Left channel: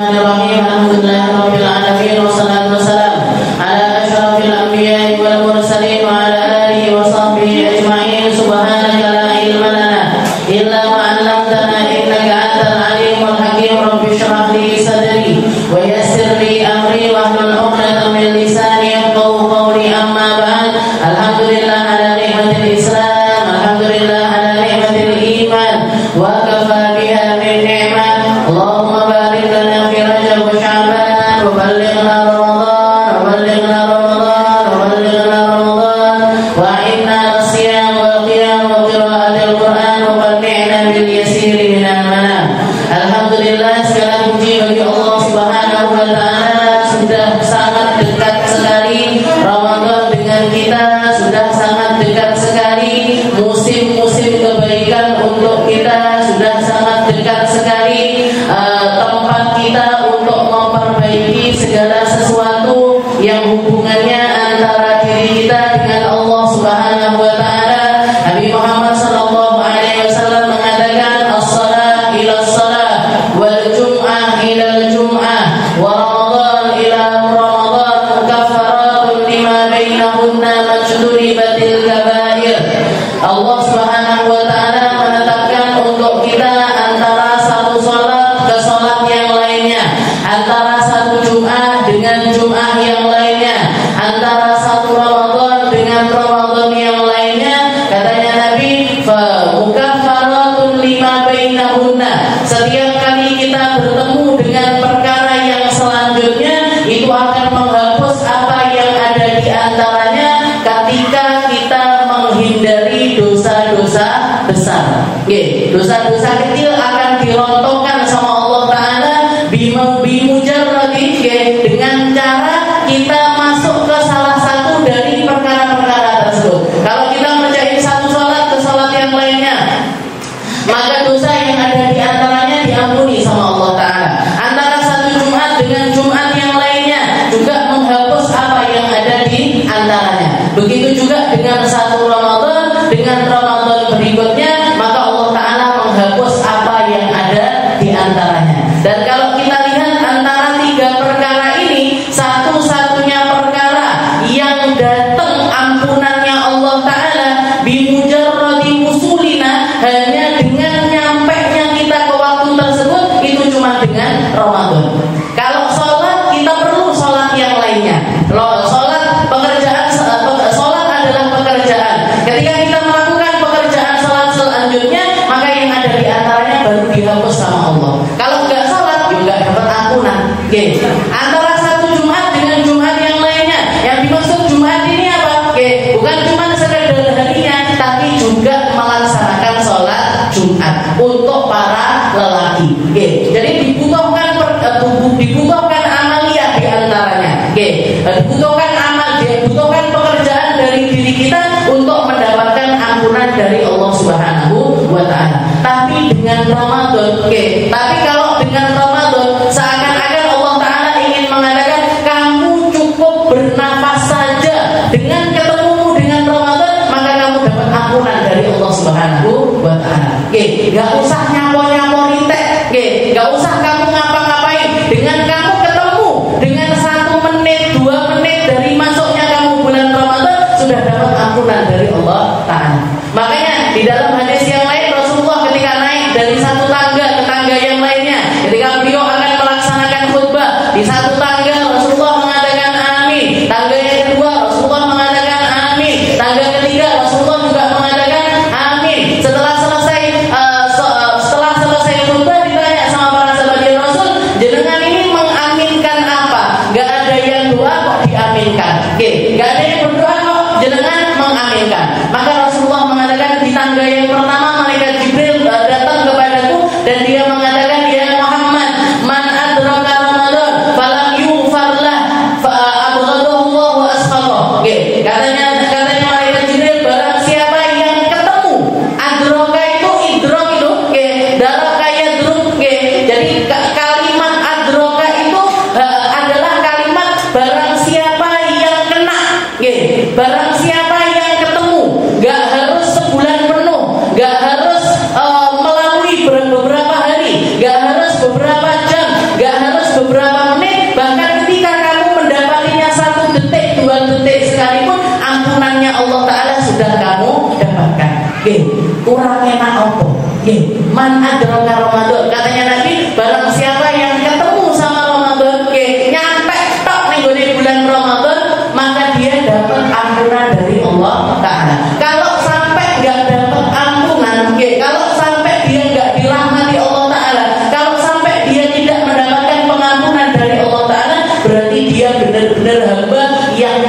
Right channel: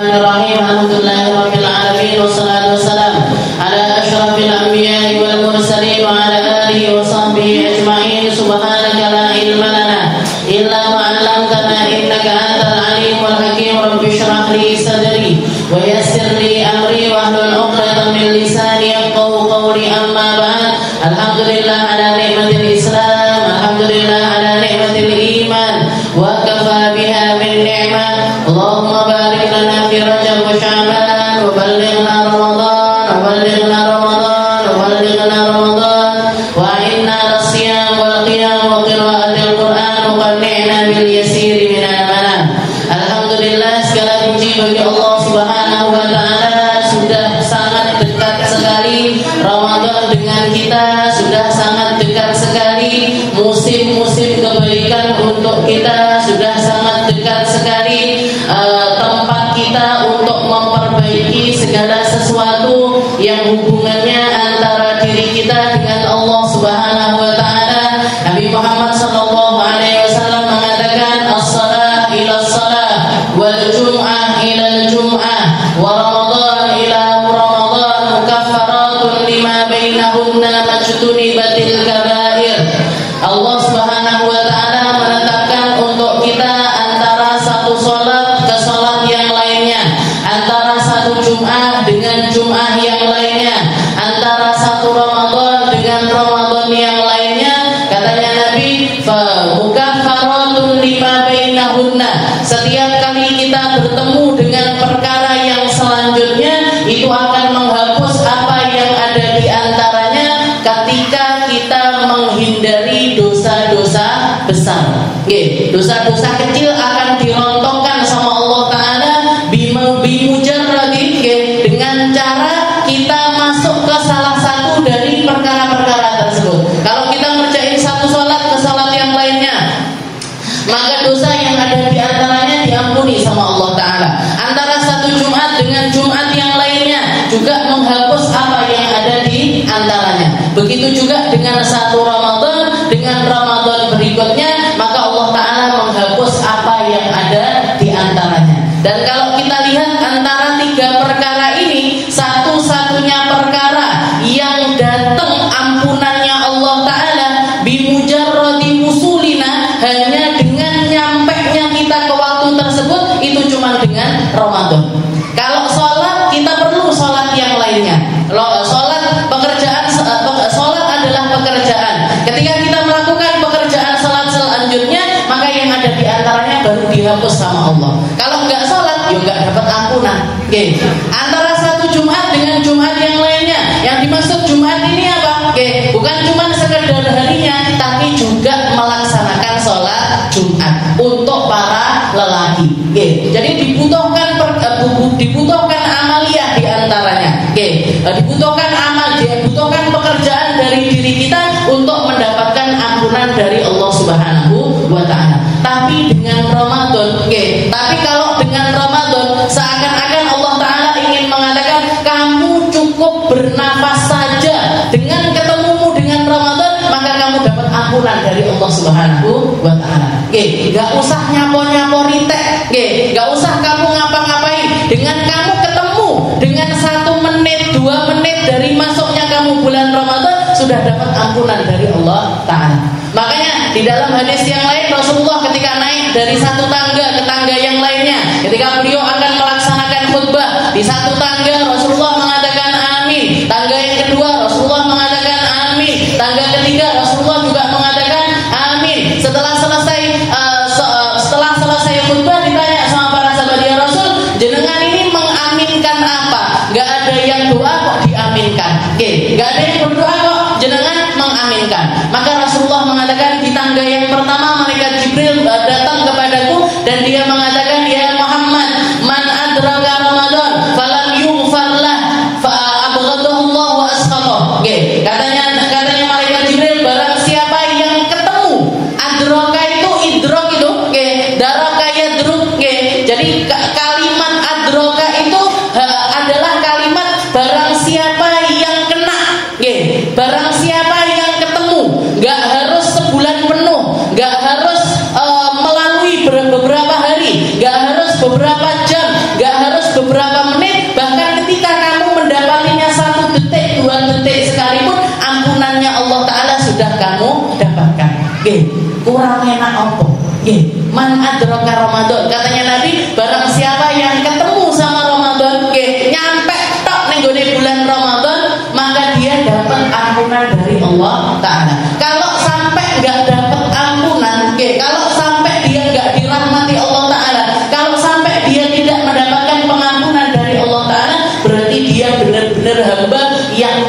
Bismillahirrahmanirrahim. Alhamdulillahirabbil alamin wassalatu wassalamu ala asyrafil anbiya'i wal mursalin wa ala alihi wa sahbihi ajma'in. Subhanaka la ilma lana illa ma 'allamtana innaka antal alimul hakim. Rabbi shrah li sadri wa yassir li amri wa hlul 'uqdatam min lisani yafqahu qawli. Amma ba'd. Alhamdulillah ala ni'matil Islam, alhamdulillah ala ni'matil iman, wa kafa biha min ni'mah. Allahumma barik lana fi Rajab wa Sya'ban wa ballighna Ramadan wa ballighna Ramadan wa ballighna Ramadan wa inna as-siyam wal qiyam wa qira'atil Qur'an muqanni'na bil yasir min al-manam. Alhamdulillah, segala puji bagi Allah Subhanahu wa taala. Sudah sangat dekat sekali Ramadan dengan kita, sudah sangat dekat sekali musim-musim kebaikan untuk kita, sudah sangat dekat sekali tempat kita untuk memperbaiki segala sesuatu yang hubungannya antara diri kita dengan Allah Subhanahu wa taala. Nabi Muhammad sallallahu alaihi wasallam mengatakan, as-shalah ila as-shalah wal jum'ah ila al-jum'ah wa ramadan ila ramadan mukaffaratun lima bainahunna majtunibatil kabair. Allah Subhanahu wa taala menetapkan untuk kita antara satu salat ke salat yang lainnya, antara satu Jumat dengan Jumat yang lainnya, antara satu Ramadan dengan Ramadan yang lainnya. Katanya Nabi, fa mukaffaratun lima bainahunna. Setiap kali kita bertemu dengan perkara yang selanjutnya, itu akan menghapus apa yang ada di antaranya ketika kita menghindari dosa-dosa besar. Dosa-dosa kecil akan dirontokkan sama Allah Ta'ala bimujarradi, dengan cara kita masuk ke salah satu dari perkara-perkara tersebut. Kalau kita ngerjain satu sholat ke sholat yang lainnya, maka dosa yang ada di antaranya diampuni sama Allah Ta'ala. Antara satu Jumat dengan Jumat yang lainnya juga menghapus apa yang ada di antaranya. Begitu juga dengan satu Ramadan dengan Ramadan berikutnya, maka Allah Ta'ala menghapus apa yang ada di antaranya. Dan kalau kita lihat antara tiga perkara ini, satu-satunya perkara yang datang ampunannya Allah Ta'ala bimujarradi wusulina, hanya dengan nyampenya kita ke waktu tersebut, itu cuma dengan Ramadan. Kalau sholat, kita perlu sholat yang lainnya. Sholat pekerjaan, sholat adalah pekerjaan. Ketika kita melakukan pekerjaan sholat selanjutnya, maka yang ada di antaranya baru dihapus sama Allah. Kalau nggak sholat, juga dapat ampunan. Antara satu Jumat dengan Jumat yang lainnya, yang dimaksud Jumat ini apa? Bukan cuma sekedar harinya, tapi juga melaksanakan sholat Jumat untuk para lelaki. Jadi dibutuhkan amaliyah di antaranya. Dibutuhkan amal, dibutuhkan pekerjaan dari diri kita untuk mendapatkan ampunan dari Allah Subhanahu wa taala. Tapi dengan Ramadan, tapi kalau dengan Ramadan seakan-akan Allah Ta'ala ingin mengatakan, kamu cukup bernafas saja dengan ketemumu dengan Ramadan, maka kamu dapat ampunan dari Allah Subhanahu wa ta'ala. Gak usah nyapor-nyapori teh, gak usah kamu ngapa-ngapain. Dengan kamu ketemu dengan 1 menit, 2 menit dari masuknya kamu bulan Ramadan, sudah dapat ampunan dari Allah Ta'ala. Makanya di dalam hadis yang lain, Rasulullah ketika naik dari satu tangga ke tangga yang lainnya, ketika beliau akan melaksanakan khutbah, di satu tangga Rasulullah mengatakan amin, tangga yang kedua Rasulullah mengatakan amin, tangga ketiga Rasulullah juga mengatakan amin. Setelah selesai khutbah, ditanya sama para sahabat, ya Rasul, jenengan ini mengaminkan apa? Gak ada yang doa kok diaminkan. Gak ada yang berdoa kok jenengan mengaminkan. Maka Rasulullah mengatakan, di tangga yang pertama malaikat Jibril datang kepadaku dan dia mengatakan, ya Muhammad, man adraka Ramadan falam yughfar lah fa abghadahu Allah wa asfaqah. Katanya malaikat Jibril, barang siapa yang ketemu adraka itu, idrok itu, daraka yadruk. Jadi kalimat adraka itu adalah kalimat barang siapa yang kena. Nggih, kurang enak apa? Nggih, man adraka Ramadan. Katanya Nabi, barang siapa yang ketemu sama Ramadan, nggih, nyampe tok ning gone bulan Ramadan, maka dia dapat ampunan dari Allah Ta'ala. Kalau sampai enggak dapat ampunan, nggih, kalau sampai dia enggak dirahmati Allah Ta'ala, kalau sampai dia tidak mendapatkan pengampunan dari Allah Ta'ala, berarti dia benar-benar hamba yang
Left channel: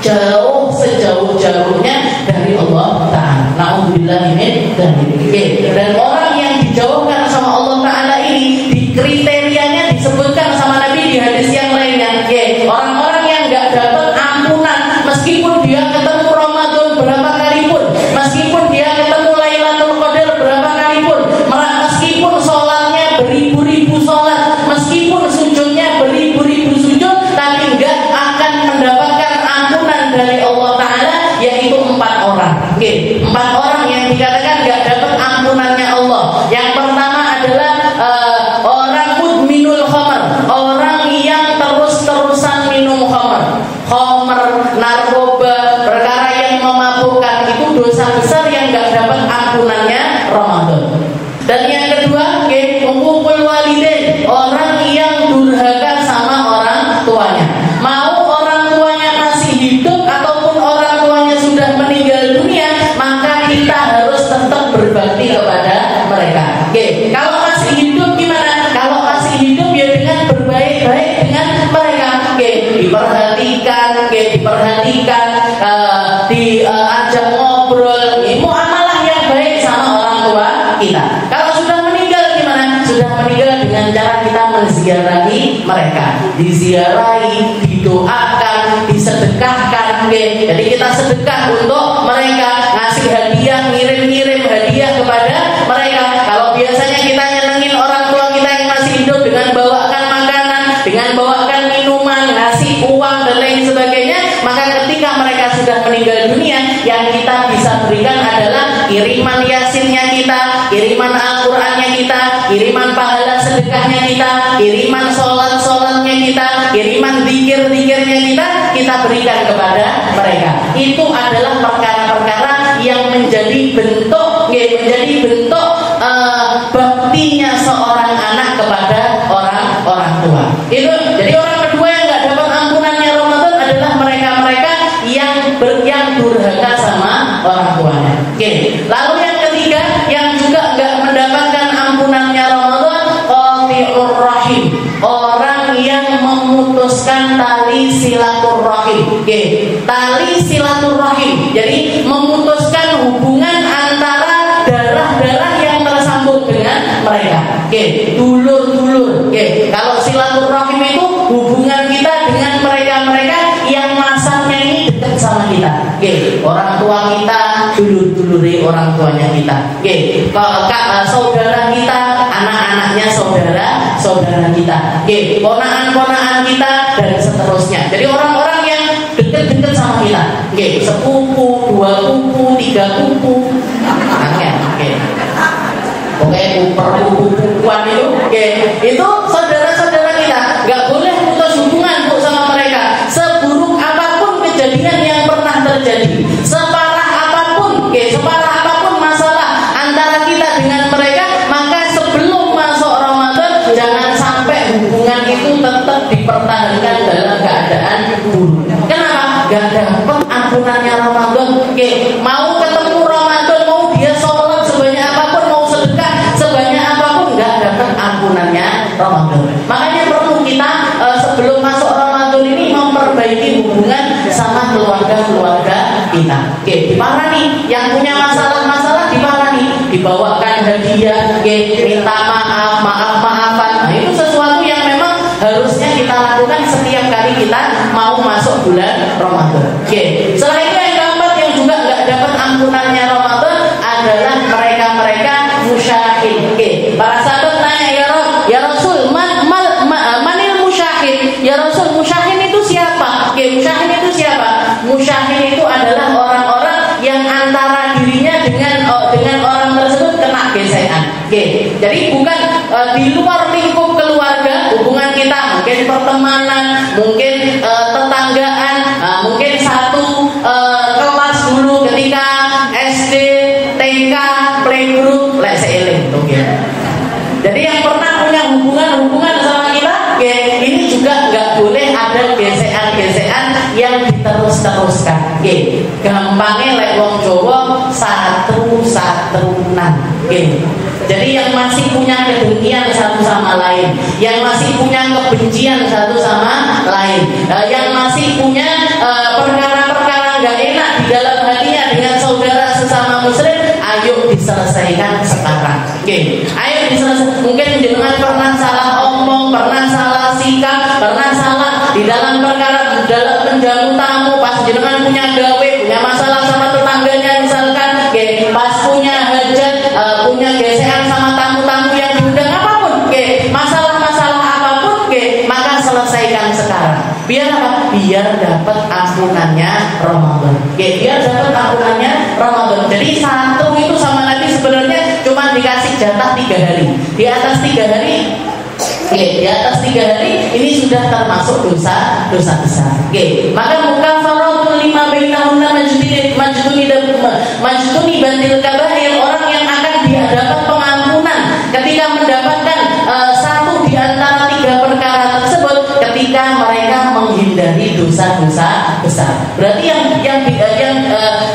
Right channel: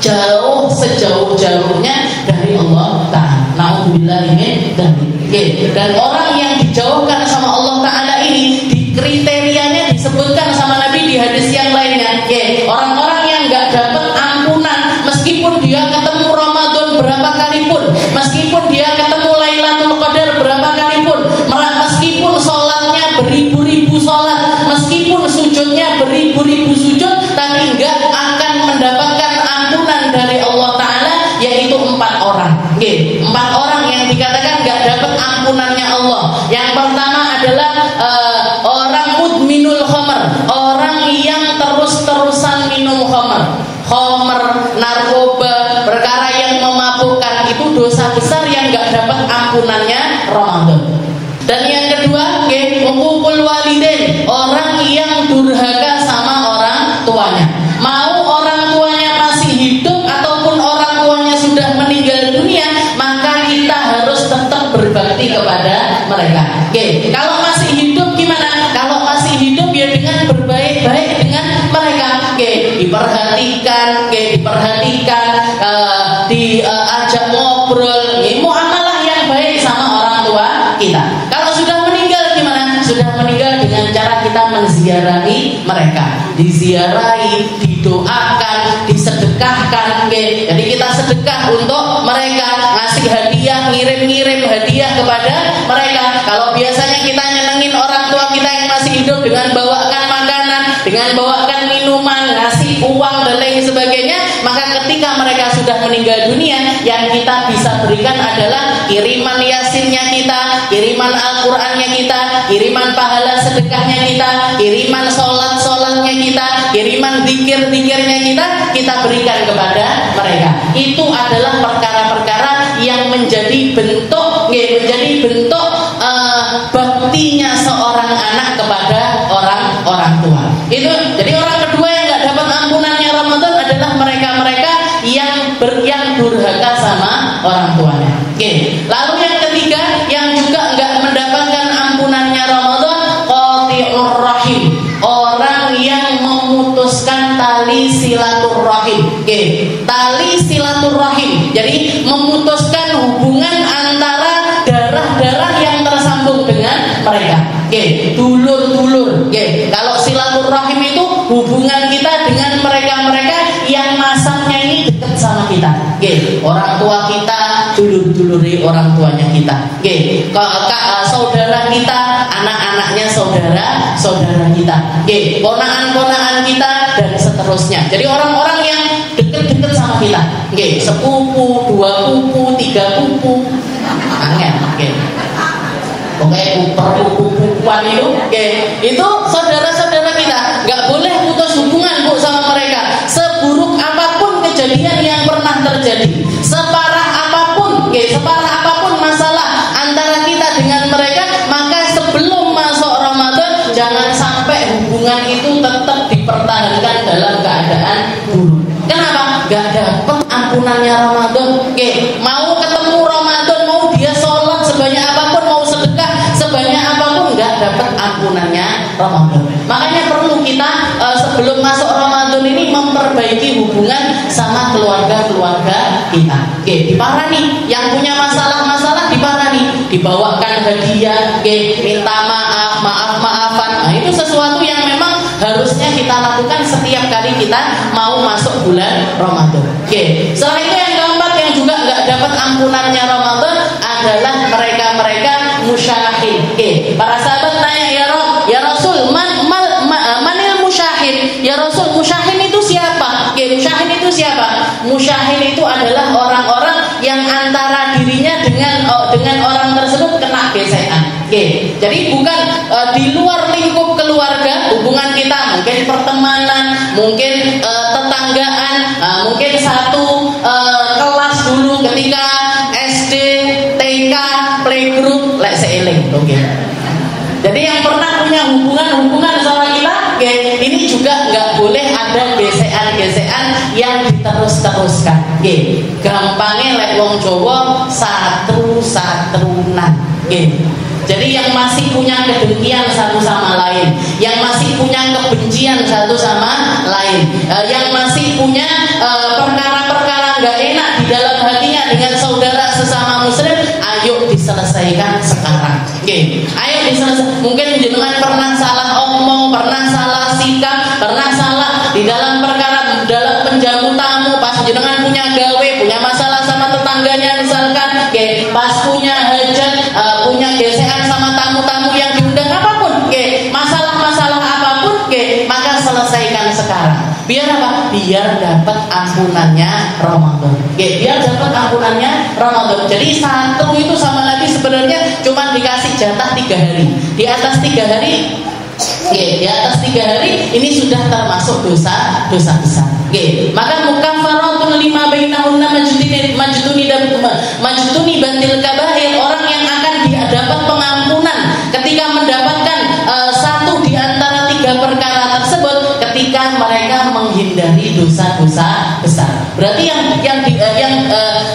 jauh sejauh-jauhnya dari Allah Ta'ala. Na'udzubillah min dzalik. Dan orang yang dijauhkan sama Allah Ta'ala ini, di kriterianya disebutkan sama Nabi di hadis yang lainnya, orang-orang yang enggak dapat ampunan meskipun dia ketemu Ramadan berapa kali pun, meskipun dia ketemu Lailatul Qadar berapa kali pun, meskipun sholatnya beribu-ribu sholat, meskipun sujudnya beribu-ribu sujud, tapi enggak akan mendapatkan ampunan dari Allah Ta'ala, yaitu 4 orang. Empat orang yang dikatakan enggak dapat ampunannya Allah. Yang pertama adalah orang mudminul khamar, orang yang terus-terusan minum khamar, narkoba, perkara yang memabukkan, itu dosa besar yang enggak dapat ampunannya Ramadan. Dan yang kedua, uququl walidain, orang yang durhaka sama orang tuanya. Mau orang tuanya masih hidup ataupun orang tuanya sudah meninggal dunia, maka kita harus tetap berbakti kepada mereka. Kalau masih hidup gimana? Kalau masih hidup ya dengan berbaik-baik dengan mereka. Diperhatikan, diajak ngobrol, muamalah yang baik sama orang tua kita. Kalau sudah meninggal gimana? Sudah meninggal dengan cara kita menziarahi mereka, diziarahi, didoakan, disedekahkan. Jadi kita sedekah untuk mereka, ngasih hadiah, ngirim hadiah kepada mereka. Kalau biasanya kita nyenengin orang tua kita yang masih hidup dengan bawakan makanan, dengan bawakan minuman, ngasih uang dan lain sebagainya, maka ketika mereka sudah meninggal dunia, yang kita bisa berikan adalah kiriman yasinnya kita, kiriman Al-Qur'annya kita, kiriman pahala sedekahnya kita, kiriman sholat-sholatnya kita, kiriman zikir-zikirnya kita berikan kepada mereka. Itu adalah perkara-perkara yang menjadi bentuk baktinya seorang anak kepada orang tua. Itu jadi orang kedua yang nggak dapat ampunannya Ramadan adalah mereka-mereka yang durhaka sama orang tuanya. Lalu yang ketiga yang juga nggak mendapatkan ampunannya Ramadan, qati'ur rahim, orang yang memutuskan tali silaturahim. Tali silaturahim, jadi memutuskan hubungan antara darah-darah yang tersambung dengan mereka. Dulur-dulur. Kalau silaturahim itu hubungan kita dengan mereka-mereka yang masanya ini dekat sama kita. Orang tua kita dulur-duluri orang tuanya kita. Saudara kita, anak-anaknya saudara kita. Ponakan-ponakan kita dan seterusnya. Jadi orang-orang yang dekat-dekat sama kita. Sepupu, 2 pupu, 3 pupu. Pupuan itu saudara-saudara kita. Gak boleh putus hubungan sama mereka. Seburuk apapun kejadian yang pernah terjadi, separah apapun masalah antara kita dengan mereka, maka sebelum masuk Ramadan jangan sampai hubungan itu tetap dipertahankan dalam keadaan buruk. Kenapa? Gak dapat ampunannya Ramadan. Mau ketemu Ramadan, mau dia sholat sebanyak apapun, mau sedekah sebanyak apapun, gak dapat ampunannya Ramadan. Makanya perlu kita sebelum masuk Ramadan ini memperbaiki hubungan sama keluarga-keluarga kita. Diparani, yang punya masalah-masalah diparani, dibawakan hadiah, minta maaf-maafan. Nah, itu sesuatu yang memang harusnya kita lakukan setiap kali kita mau masuk bulan Ramadan. Setelah itu yang keempat yang juga nggak dapat ampunannya Ramadan adalah mereka-mereka musyahid. Para sahabat tanya, ya Rasul, manil musyahid? Ya Rasul, musyahid itu siapa? Musyahid itu siapa? Musyahid itu adalah orang-orang yang antara dirinya dengan orang tersebut kena gesekan. Jadi bukan di luar lingkup keluarga, hubungan kita mungkin pertemanan, mungkin tetanggaan, mungkin satu kelas dulu ketika SD, yang diterus-teruskan. Nggih. Gampange lek wong Jawa satu-satunan. Nggih. Jadi yang masih punya kedengkian satu sama lain, yang masih punya kebencian satu sama lain, yang masih punya perkara-perkara nggak enak di dalam hatinya dengan saudara sesama muslim, ayo diselesaikan sekarang. Oke, ayo diselesaikan. Mungkin jenengan pernah salah omong, pernah salah sikap, pernah salah di dalam perkara dalam menjamu tamu, pas jenengan punya gawe, punya masalah sama tetangganya misalkan, oke, pas punya hajat, punya gesekan sama tamu-tamu yang diundang apapun, oke, masalah-masalah apapun, oke, maka selesaikan sekarang. Biar apa? Biar dapat ampunannya Ramadan. Oke, biar dapat ampunannya Ramadan. Jadi satu itu sama Nabi sebenarnya cuma dikasih jatah 3 hari. Di atas 3 hari, oke, di atas 3 hari ini sudah termasuk dosa besar. Oke, maka mukaffaratun lima bainahunna majtuni bantil kabair, orang yang akan dapat pengampunan ketika mendapatkan satu di antara 3 perkara tersebut ketika mereka menghindari dosa-dosa besar. Berarti yang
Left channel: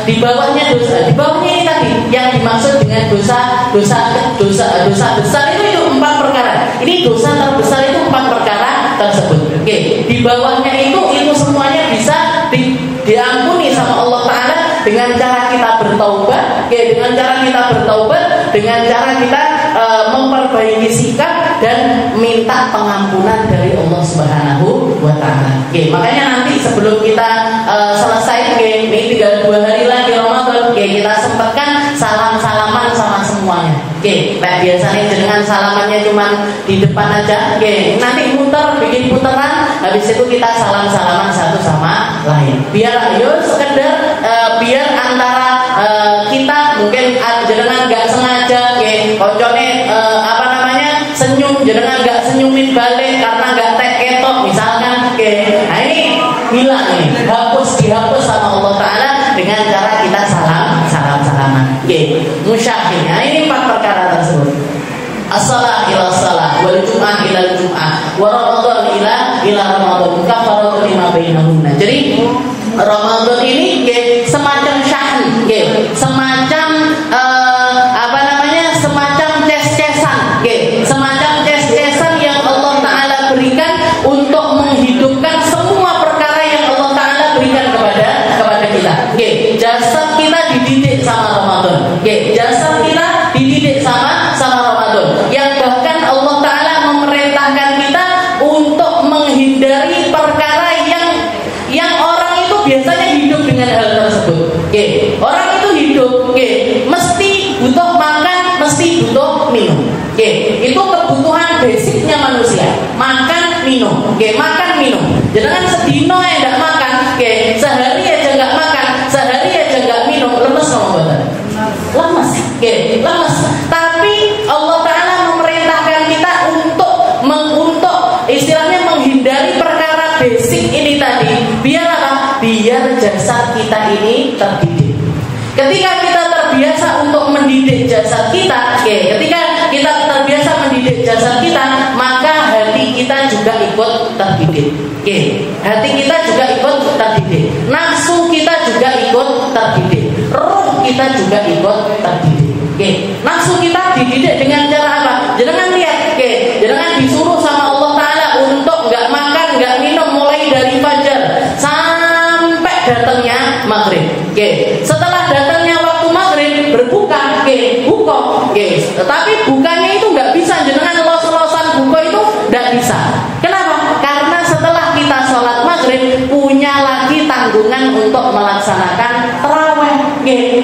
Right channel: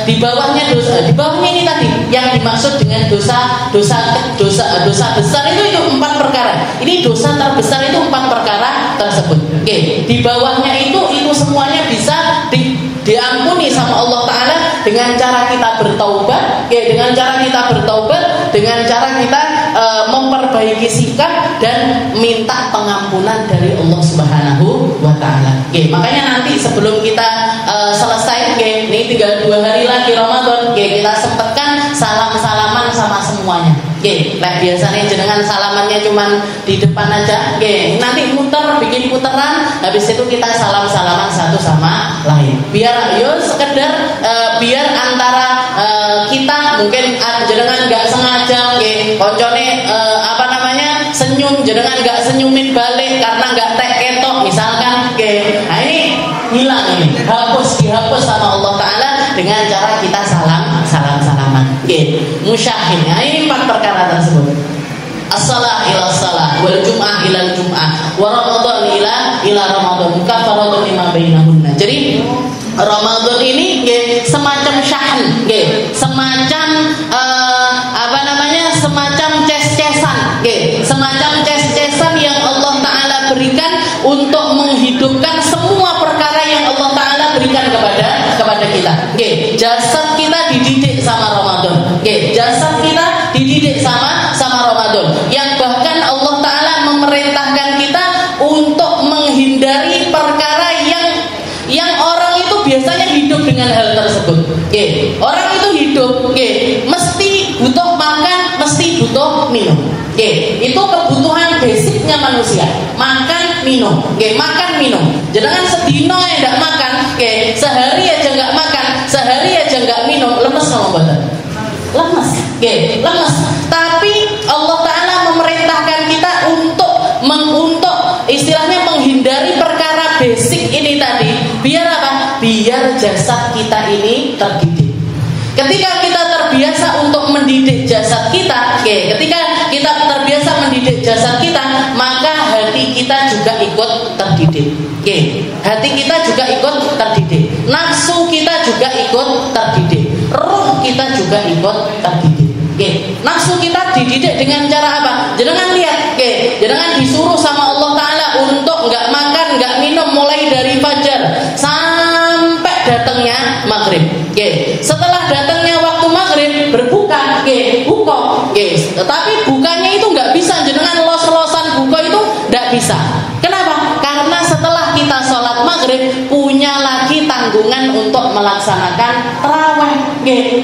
di bawahnya dosa, di bawahnya ini tadi yang dimaksud dengan dosa besar itu 4 perkara. Ini dosa terbesar itu 4 perkara tersebut. Oke, di bawahnya itu semuanya bisa diampuni sama Allah Ta'ala dengan cara kita bertaubat. Oke, dengan cara kita bertaubat, dengan cara kita memperbaiki sikap dan minta pengampunan dari Allah Subhanahu wa Ta'ala. Oke, makanya nanti sebelum kita selesai, oke, ini tinggal 2 hari lagi Ramadan, oke, kita sempatkan salam-salaman sama semuanya. Oke, nah biasanya jenengan salamannya cuma di depan aja. Oke, nanti muter, bikin puteran, habis itu kita salam-salaman satu sama lain. Biar sekedar biar antara kita mungkin jenengan nggak sengaja, oke, koncone senyum, jenengan nggak senyumin balik karena nggak ketok misalkan, oke, nah ini hilang, ini dihapus sama Allah Ta'ala dengan cara kita salam-salaman. Oke, musyahid. Nah, ini 4 perkara tersebut. As-salah ila salah, wal jum'ah ila jum'ah, wa ramadan ila ramadan, kafaratun lima bainahunna. Jadi Ramadan ini semacam syahn, semacam semacam ces-cesan, semacam ces-cesan yang Allah Ta'ala berikan untuk menghidupkan semua perkara yang Allah Ta'ala berikan kepada kita. Jasad kita dididik sama Ramadan. Jasad kita dididik sama Ramadan. Yang bahkan Allah Ta'ala memerintahkan kita untuk menghindari perkara yang orang itu biasanya hidup dengan hal tersebut. Orang itu hidup, mesti butuh makan, mesti butuh minum. Itu kebutuhan basicnya manusia. Makan, minum. Makan, minum. Jangan sedino ya enggak makan. Sehari aja enggak makan, sehari aja enggak minum, lemes mau boten? Lemes. Lemes. Tapi Allah Ta'ala memerintahkan kita untuk istilahnya menghindari perkara basic ini tadi. Biar apa? Biar jasad kita ini terdidik. Ketika kita terbiasa untuk mendidik jasad kita, ketika kita terbiasa mendidik jasad kita, maka hati kita juga ikut terdidik. Hati kita juga ikut terdidik. Nafsu kita juga ikut terdidik. Ruh kita juga ikut terdidik. Nafsu kita dididik dengan cara apa? Jangan lihat, jangan disuruh sama Allah Ta'ala untuk nggak makan, nggak minum mulai dari fajar sampai datangnya maghrib. Setelah datangnya waktu maghrib berbuka, buka. Tapi bukanya itu nggak bisa, jangan los-losan buka itu nggak bisa. Kenapa? Karena setelah kita sholat maghrib punya lagi tanggungan untuk melaksanakan tarawih.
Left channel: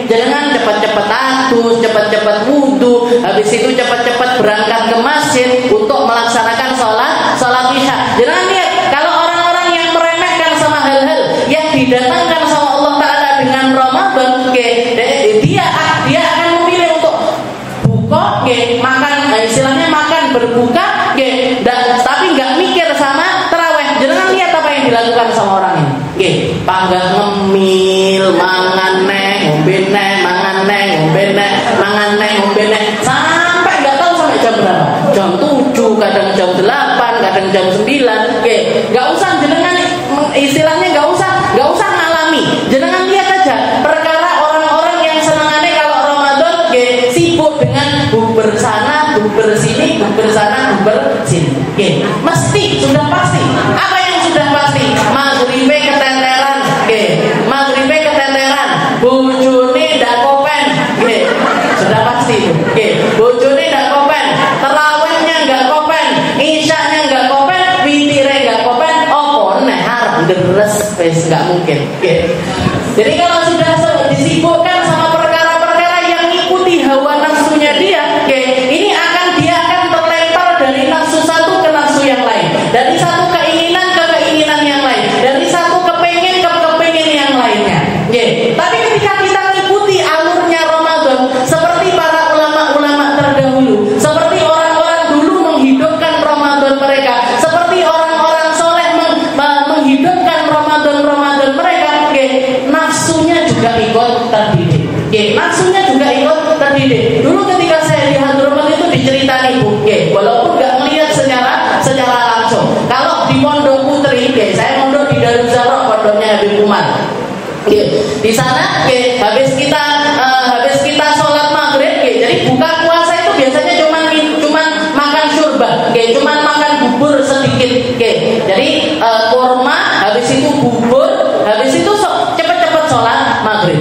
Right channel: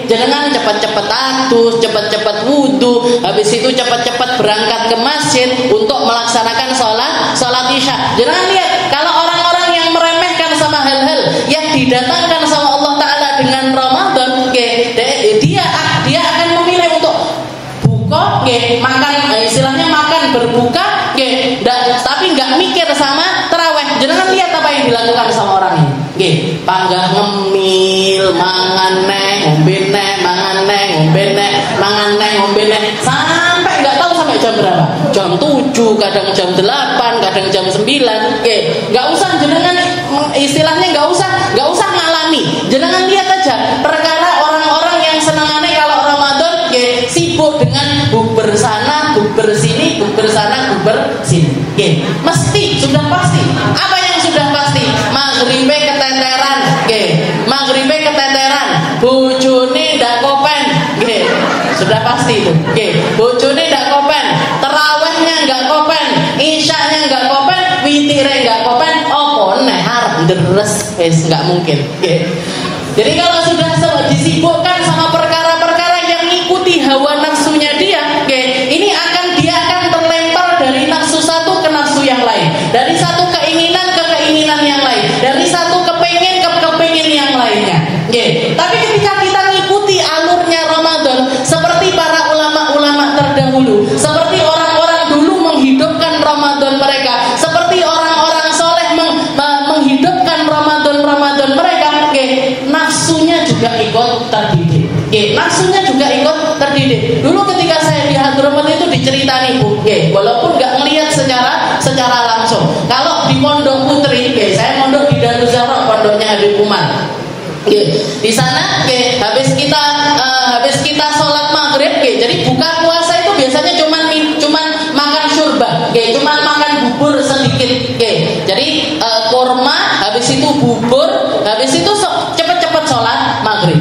Jangan cepat-cepat atus, cepat-cepat wudu, habis itu cepat-cepat berangkat ke masjid untuk melaksanakan sholat isya. Jangan lihat kalau orang-orang yang meremehkan sama hal-hal yang didatangkan sama Allah Ta'ala dengan Ramadan, dia akan memilih untuk buka, makan, istilahnya makan berbuka, tapi nggak mikir sama tarawih. Jangan lihat apa yang dilakukan sama orang ini. Panggang ngemil, mangan ngombe neh, sampai nggak tahu sampai jam berapa. Jam 7, kadang jam 8, kadang jam 9. Nggak usah jenengan, istilahnya nggak usah Mesti, sudah pasti. Apa yang sudah pasti? Maghribe keteteran, maghribe keteteran, bojone ndak kopen, sudah pasti itu. Bojone ndak kopen, tarawihnya nggak kopen, isyanya nggak kopen, witire nggak kopen, opo neh arep deres wis nggak mungkin. Jadi kalau sudah disibukkan sama perkara-perkara yang ikuti hawa nafsunya dia, ini dia akan terlempar dari nafsu satu ke nafsu yang lain, dari satu keinginan ke keinginan yang lain, dari satu kepengen ke kepengen yang lainnya. Tapi ketika kita mengikuti alurnya Ramadan, seperti para ulama-ulama terdahulu, seperti orang-orang dulu menghidupkan Ramadan mereka, seperti orang-orang soleh menghidupkan Ramadan mereka, nafsunya juga ikut terdidik. Nafsunya juga ikut terdidik. Dulu ketika saya di Hadramaut itu diceritani Bu, walaupun nggak melihat secara langsung. Kalau di Pondok Putri, saya mondok di Darussalam, pondoknya Habib Umar. Di sana, habis kita sholat maghrib, jadi buka puasa itu biasanya cuman makan syurba, cuman makan bubur sedikit, jadi kurma, habis itu bubur, habis itu cepet-cepet sholat maghrib.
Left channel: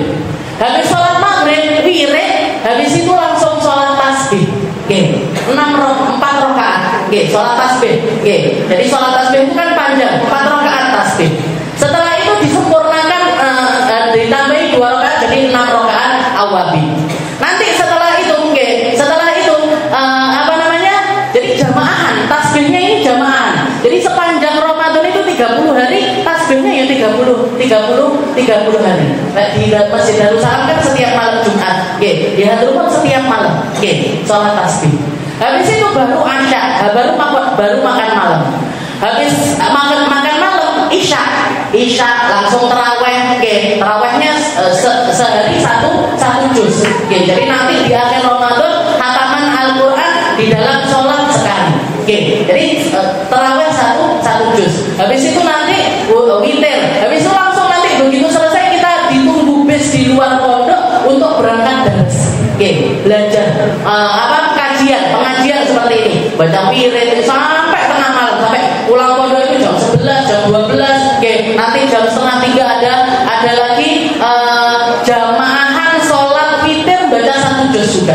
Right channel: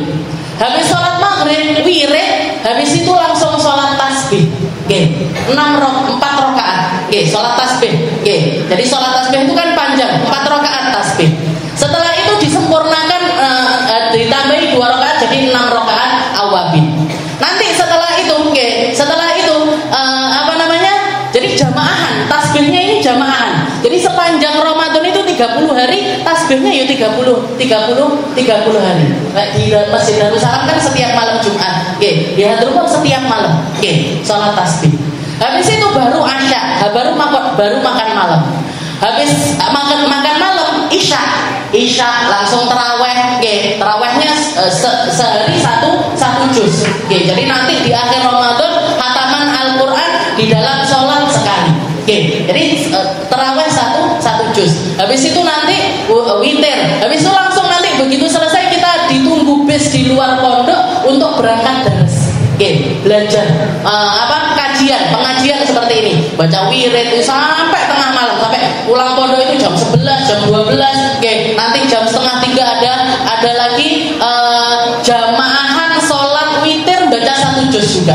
Habis sholat maghrib, wirid, habis itu langsung sholat tasbih, 4 rakaat, sholat tasbih, jadi sholat tasbih itu kan panjang, 4 rakaat tasbih. Setelah itu disempurnakan, ditambahi 2 rakaat jadi 6 rakaat awabin. Nanti setelah itu jadi jamaah, tasbihnya ini jamaah. Jadi sepanjang Ramadan itu 30 hari, tasbihnya ya 30 hari. Di Masjid Darussalam kan setiap malam Jumat, di Hadramaut setiap malam, sholat tasbih. Habis itu baru asya, baru makan malam. Habis makan malam, isya langsung taraweh, tarawehnya sehari satu juz. Jadi nanti di akhir Ramadan khataman Al-Quran di dalam sholat sekali. Jadi taraweh satu juz. Habis itu nanti witir. Habis itu langsung nanti begitu selesai kita ditunggu bis di luar pondok untuk berangkat dars. Belajar pengajian seperti ini. Baca wirid sampai tengah malam, sampai pulang pondok itu jam 11, jam 12. Nanti jam 2:30 ada lagi jamaahan sholat witir baca 1 juz juga.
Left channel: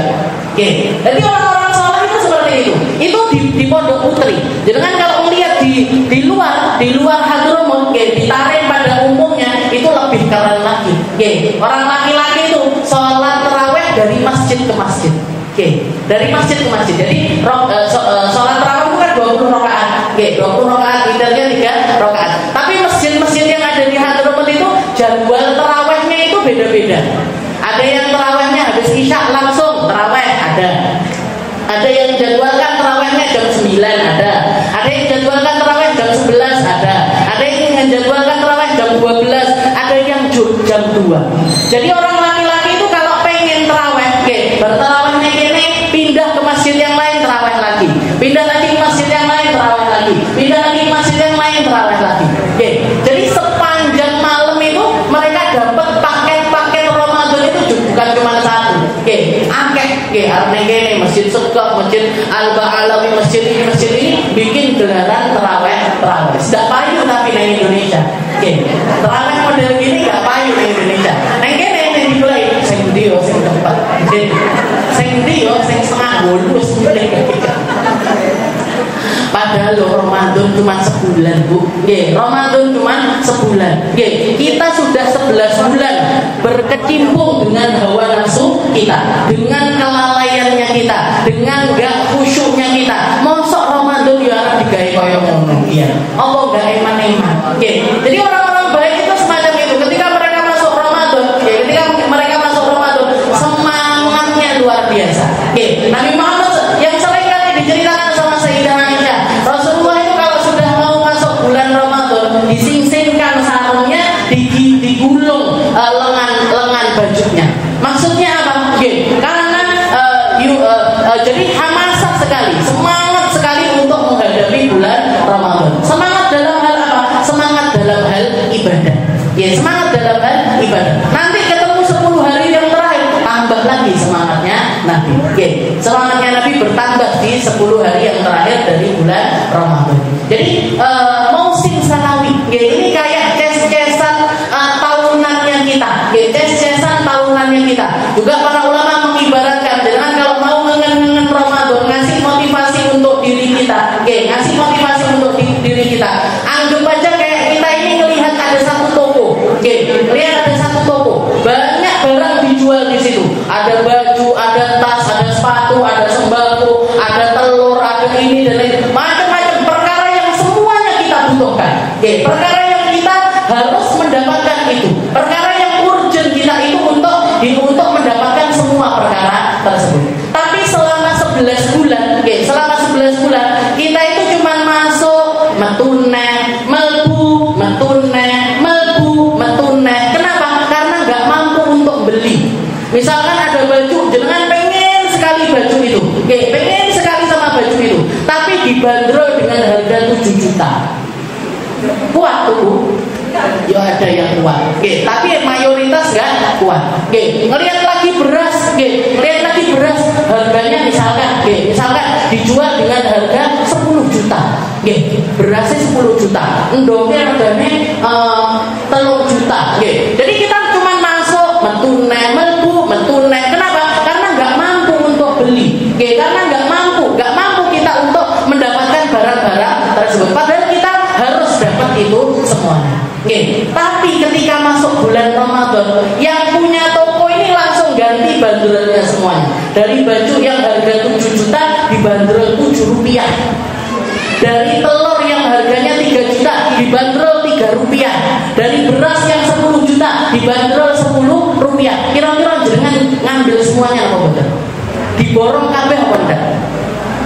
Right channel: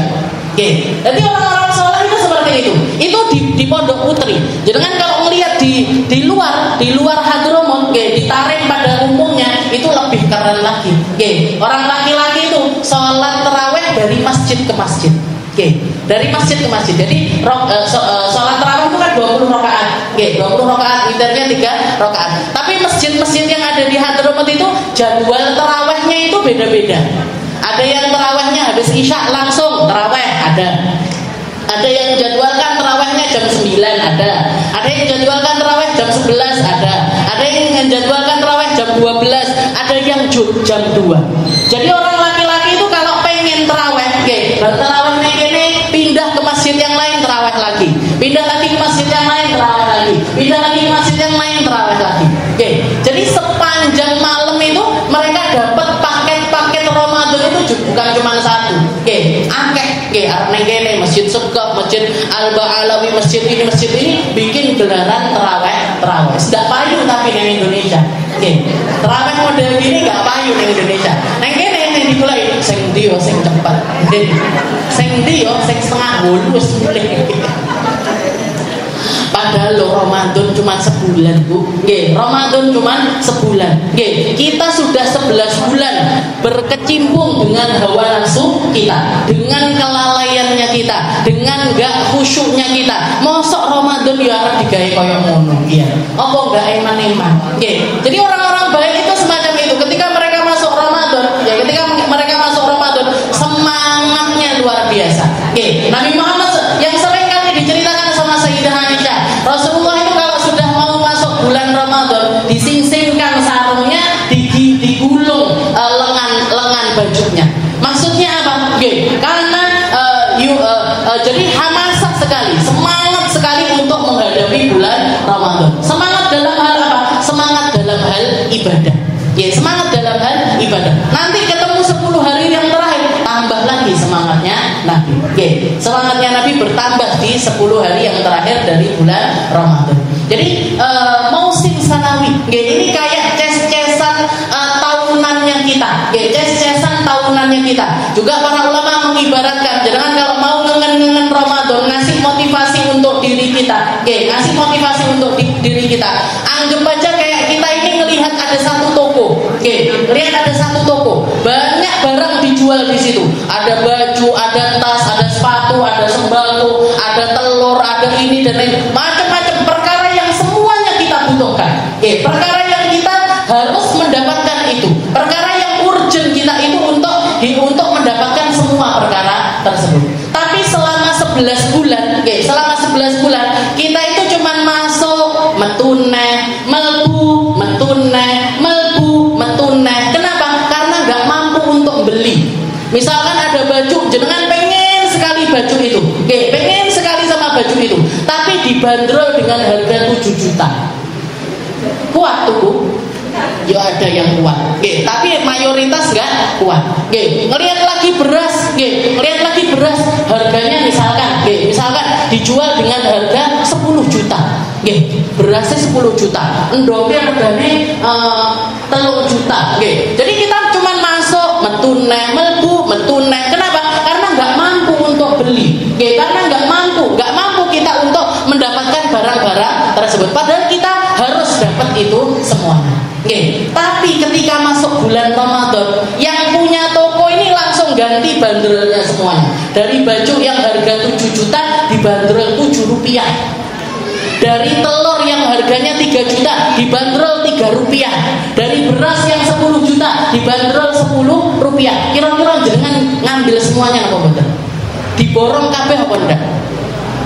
Jadi orang-orang sholat itu seperti itu. Itu di Pondok Putri. Jadi kan kalau melihat di luar Hadramaut, ditarik pada umumnya itu lebih keren lagi. Orang laki-laki itu sholat taraweh dari masjid ke masjid. Dari masjid ke masjid. Jadi sholat tarawih itu kan 20 rakaat. 20 rakaat, witirnya 3 rakaat. Tapi masjid-masjid yang ada di Hadramaut itu jadwal tarawihnya itu beda-beda. Ada yang tarawihnya habis isya langsung tarawih, ada yang jadwalkan tarawihnya jam 9, ada yang jadwalkan tarawih jam 11, ada yang jadwalkan tarawih jam 12, ada yang jam 2. Jadi orang laki-laki itu kalau pengen tarawih, tarawihnya ini pindah ke masjid yang lain tarawih lagi, pindah lagi ke masjid yang lain tarawih lagi, pindah lagi ke masjid yang lain tarawih lagi. Jadi sepanjang malam itu mereka dapat paket Ramadan itu bukan cuma satu. Akeh, masjid Sekop, masjid Al-Ba'alawi, masjid ini bikin gelaran tarawih. Sudah payu tapi di Indonesia. Tarawih model gini gak payu di Indonesia. Neng kene yang dimulai sing ndi yo sing cepat. Sing ndi yo sing setengah bolus. Padahal Ramadan cuma sebulan, Bu. Ramadan cuma sebulan. Kita sudah 11 bulan berkecimpung dengan hawa nafsu kita, dengan kelalaiannya kita, dengan gak khusyuknya kita. Mosok Ramadan ya arep digawe koyo ngono. Apa gak eman-eman. Jadi orang-orang baik itu semacam itu. Ketika mereka masuk Ramadan, semangatnya luar biasa. Nabi Muhammad yang sering kali diceritakan sama Sayyidah Aisyah, Rasulullah itu kalau sudah mau masuk bulan Ramadan, dising-singkan sarungnya, digulung lengan bajunya. Maksudnya apa? Karena jadi hamasah sekali, semangat sekali untuk menghadapi bulan Ramadan. Semangat dalam hal apa? Semangat dalam hal ibadah. Semangat dalam hal ibadah. Nanti ketemu 10 hari yang terakhir, tambah lagi semangatnya Nabi. selamatnya Nabi bertambah di 10 hari yang terakhir dari bulan Ramadan. Jadi Mausim Sanawi, ini kayak ces-cesan tahunannya kita, ces-cesan tahunannya kita. Juga para ulama mengibaratkan, jangan kalau mau ngengen Ramadan, ngasih motivasi untuk diri kita, ngasih motivasi untuk diri kita. Anggap aja kayak kita ini melihat ada satu toko, lihat ada satu toko, banyak barang dijual di situ. Ada baju, ada tas, ada sepatu, ada sembako, ada telur, ada ini dan lain macam-macam perkara yang semuanya kita butuhkan. Perkara yang kita harus mendapatkan itu, perkara yang urgent kita itu untuk mendapatkan semua perkara tersebut. Tapi selama 11 bulan, selama 11 bulan kita itu cuma masuk metune, melbu, metune, melbu, metune. Kenapa? Karena nggak mampu untuk beli. Misalkan ada baju, jenengan pengen sekali baju itu, pengen sekali sama baju itu, tapi dibanderol dengan harga 7 juta. Kuat tuh Bu? Ya ada yang kuat, tapi mayoritas nggak kuat. Ngelihat lagi beras, harganya misalkan dijual dengan harga 10 juta. Berasnya 10 juta, endongnya harganya 3 juta. Jadi kita cuma masuk metune, melbu, metune. Kenapa? Karena nggak mampu untuk beli. Karena nggak mampu kita untuk mendapatkan barang-barang tersebut. Padahal kita harus dapat itu semuanya. Tapi ketika masuk bulan Ramadan, yang punya toko ini langsung ganti banderolnya semuanya. Dari baju yang harga 7 juta dibanderol 7 rupiah. Dari telur yang harganya 3 juta dibanderol 3 rupiah. Dari beras yang 10 juta dibanderol 10 rupiah. Kira-kira jenengan ngambil semuanya apa betul? Diborong kabeh apa enggak?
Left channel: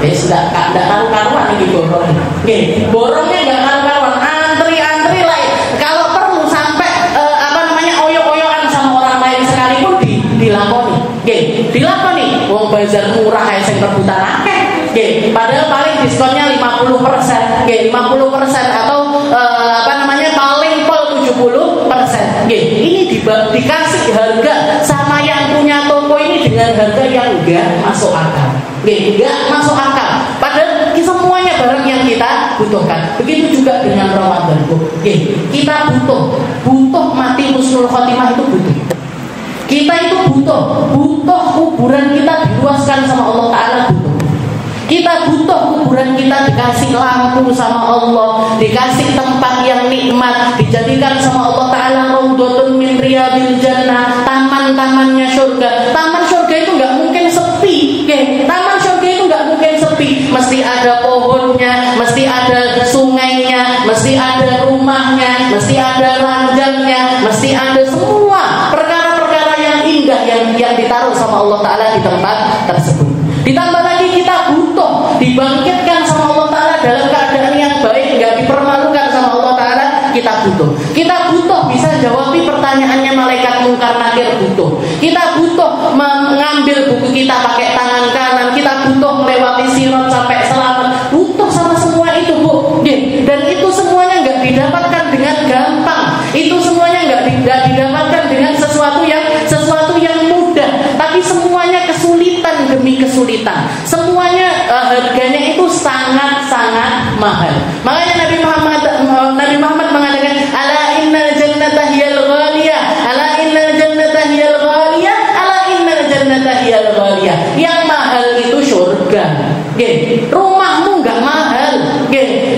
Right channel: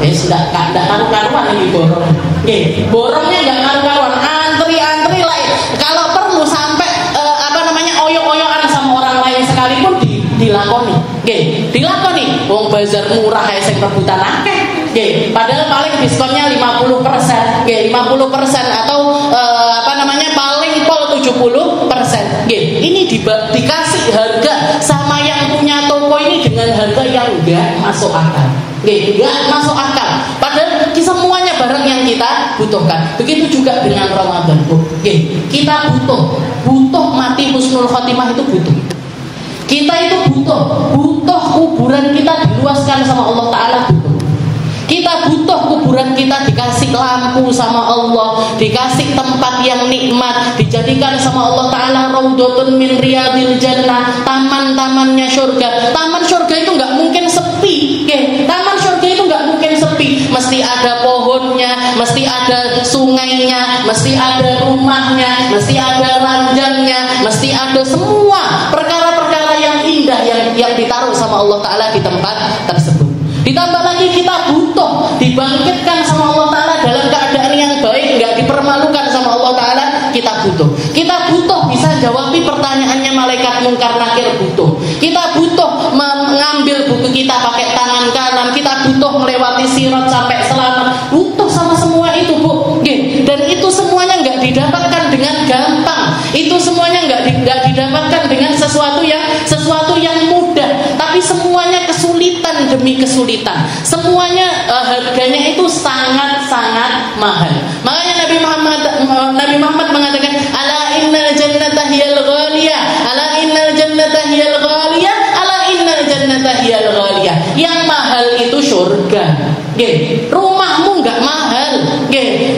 Enggak karu-karuan ini borong. Borongnya enggak karu-karuan, antri-antri lain. Kalau perlu sampai oyok-oyokan sama orang lain sekalipun dilakoni. Dilakoni. Wong bazar murah ae sing rebutan akeh. Padahal paling diskonnya 50%, 50% atau paling pol 70%. Ini dikasih harga sama yang punya toko ini dengan harga yang enggak masuk akal. Enggak masuk akal. Padahal semuanya barang yang kita butuhkan. Begitu juga dengan Ramadan, Bu. Kita butuh mati husnul khotimah itu butuh. Kita itu butuh kuburan kita diluaskan sama Allah Ta'ala, butuh. Kita butuh kuburan kita dikasih lampu sama Allah, dikasih tempat yang nikmat, dijadikan sama Allah Ta'ala raudhatun min riyadil jannah, taman-tamannya surga. Taman surga itu nggak mungkin sepi, taman surga itu nggak mungkin sepi. Mesti ada pohonnya, mesti ada sungainya, mesti ada rumahnya, mesti ada ranjangnya, mesti ada semua perkara-perkara yang indah yang ditaruh sama Allah Ta'ala di tempat tersebut. Ditambah lagi kita butuh dibangkitkan sama Allah Ta'ala dalam keadaan yang baik, nggak dipermalukan sama Allah Ta'ala. Kita butuh bisa jawabi pertanyaannya malaikat mungkar nakir, butuh. Kita butuh mengambil buku kita pakai tangan kanan, kita butuh melewati sirat sampai selamat, butuh sama semua itu, Bu. Dan itu semuanya nggak didapatkan dengan gampang, itu semuanya nggak didapatkan dengan sesuatu yang mudah, tapi semuanya kesulitan demi kesulitan. Semuanya harganya itu sangat-sangat mahal. Makanya Nabi Muhammad mengatakan, ala innal jannata hiyal ghaliyah, ala innal jannata hiyal ghaliyah, ala innal jannata hiyal ghaliyah. Yang mahal itu surga. Rumahmu enggak mahal,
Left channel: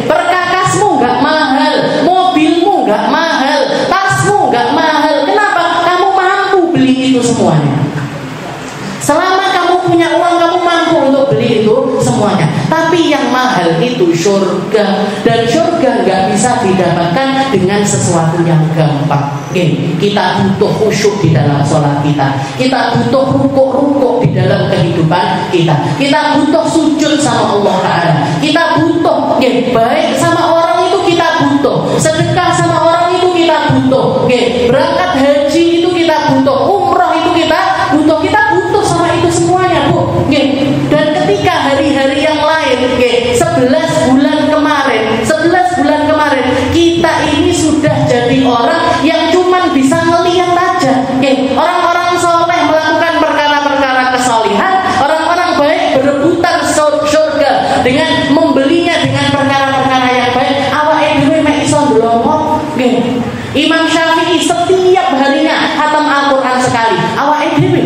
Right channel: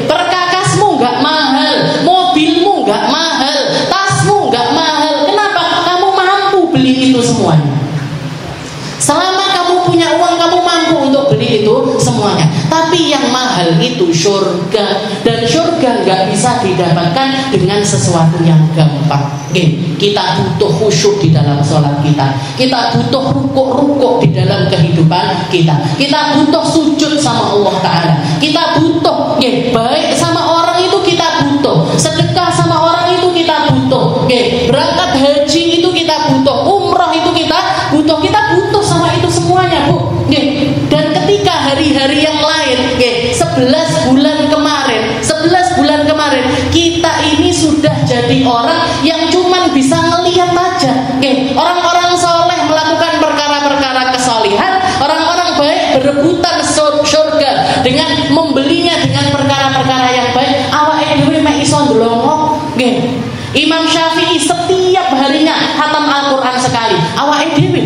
perkakasmu enggak mahal, mobilmu enggak mahal, tasmu enggak mahal. Kenapa? Kamu mampu beli itu semuanya. Selama kamu punya uang, kamu mampu untuk beli itu semuanya. Tapi yang mahal itu surga, dan surga nggak bisa didapatkan dengan sesuatu yang gampang. Kita butuh khusyuk di dalam sholat kita butuh rukuk di dalam kehidupan kita butuh sujud sama Allah Ta'ala, kita butuh baik sama orang itu, kita butuh sedekah sama orang itu, kita butuh berangkat haji itu, kita butuh umroh itu, kita butuh sama itu semuanya, Bu. Dan ketika hari-hari yang lain, 11 bulan kemarin kita ini sudah jadi orang yang cuman bisa ngelihat aja. Orang-orang soleh melakukan perkara-perkara kesalihan, orang-orang baik lomo nggih. Imam Syafi'i setiap harinya khatam Al-Qur'an sekali. Awake dhewe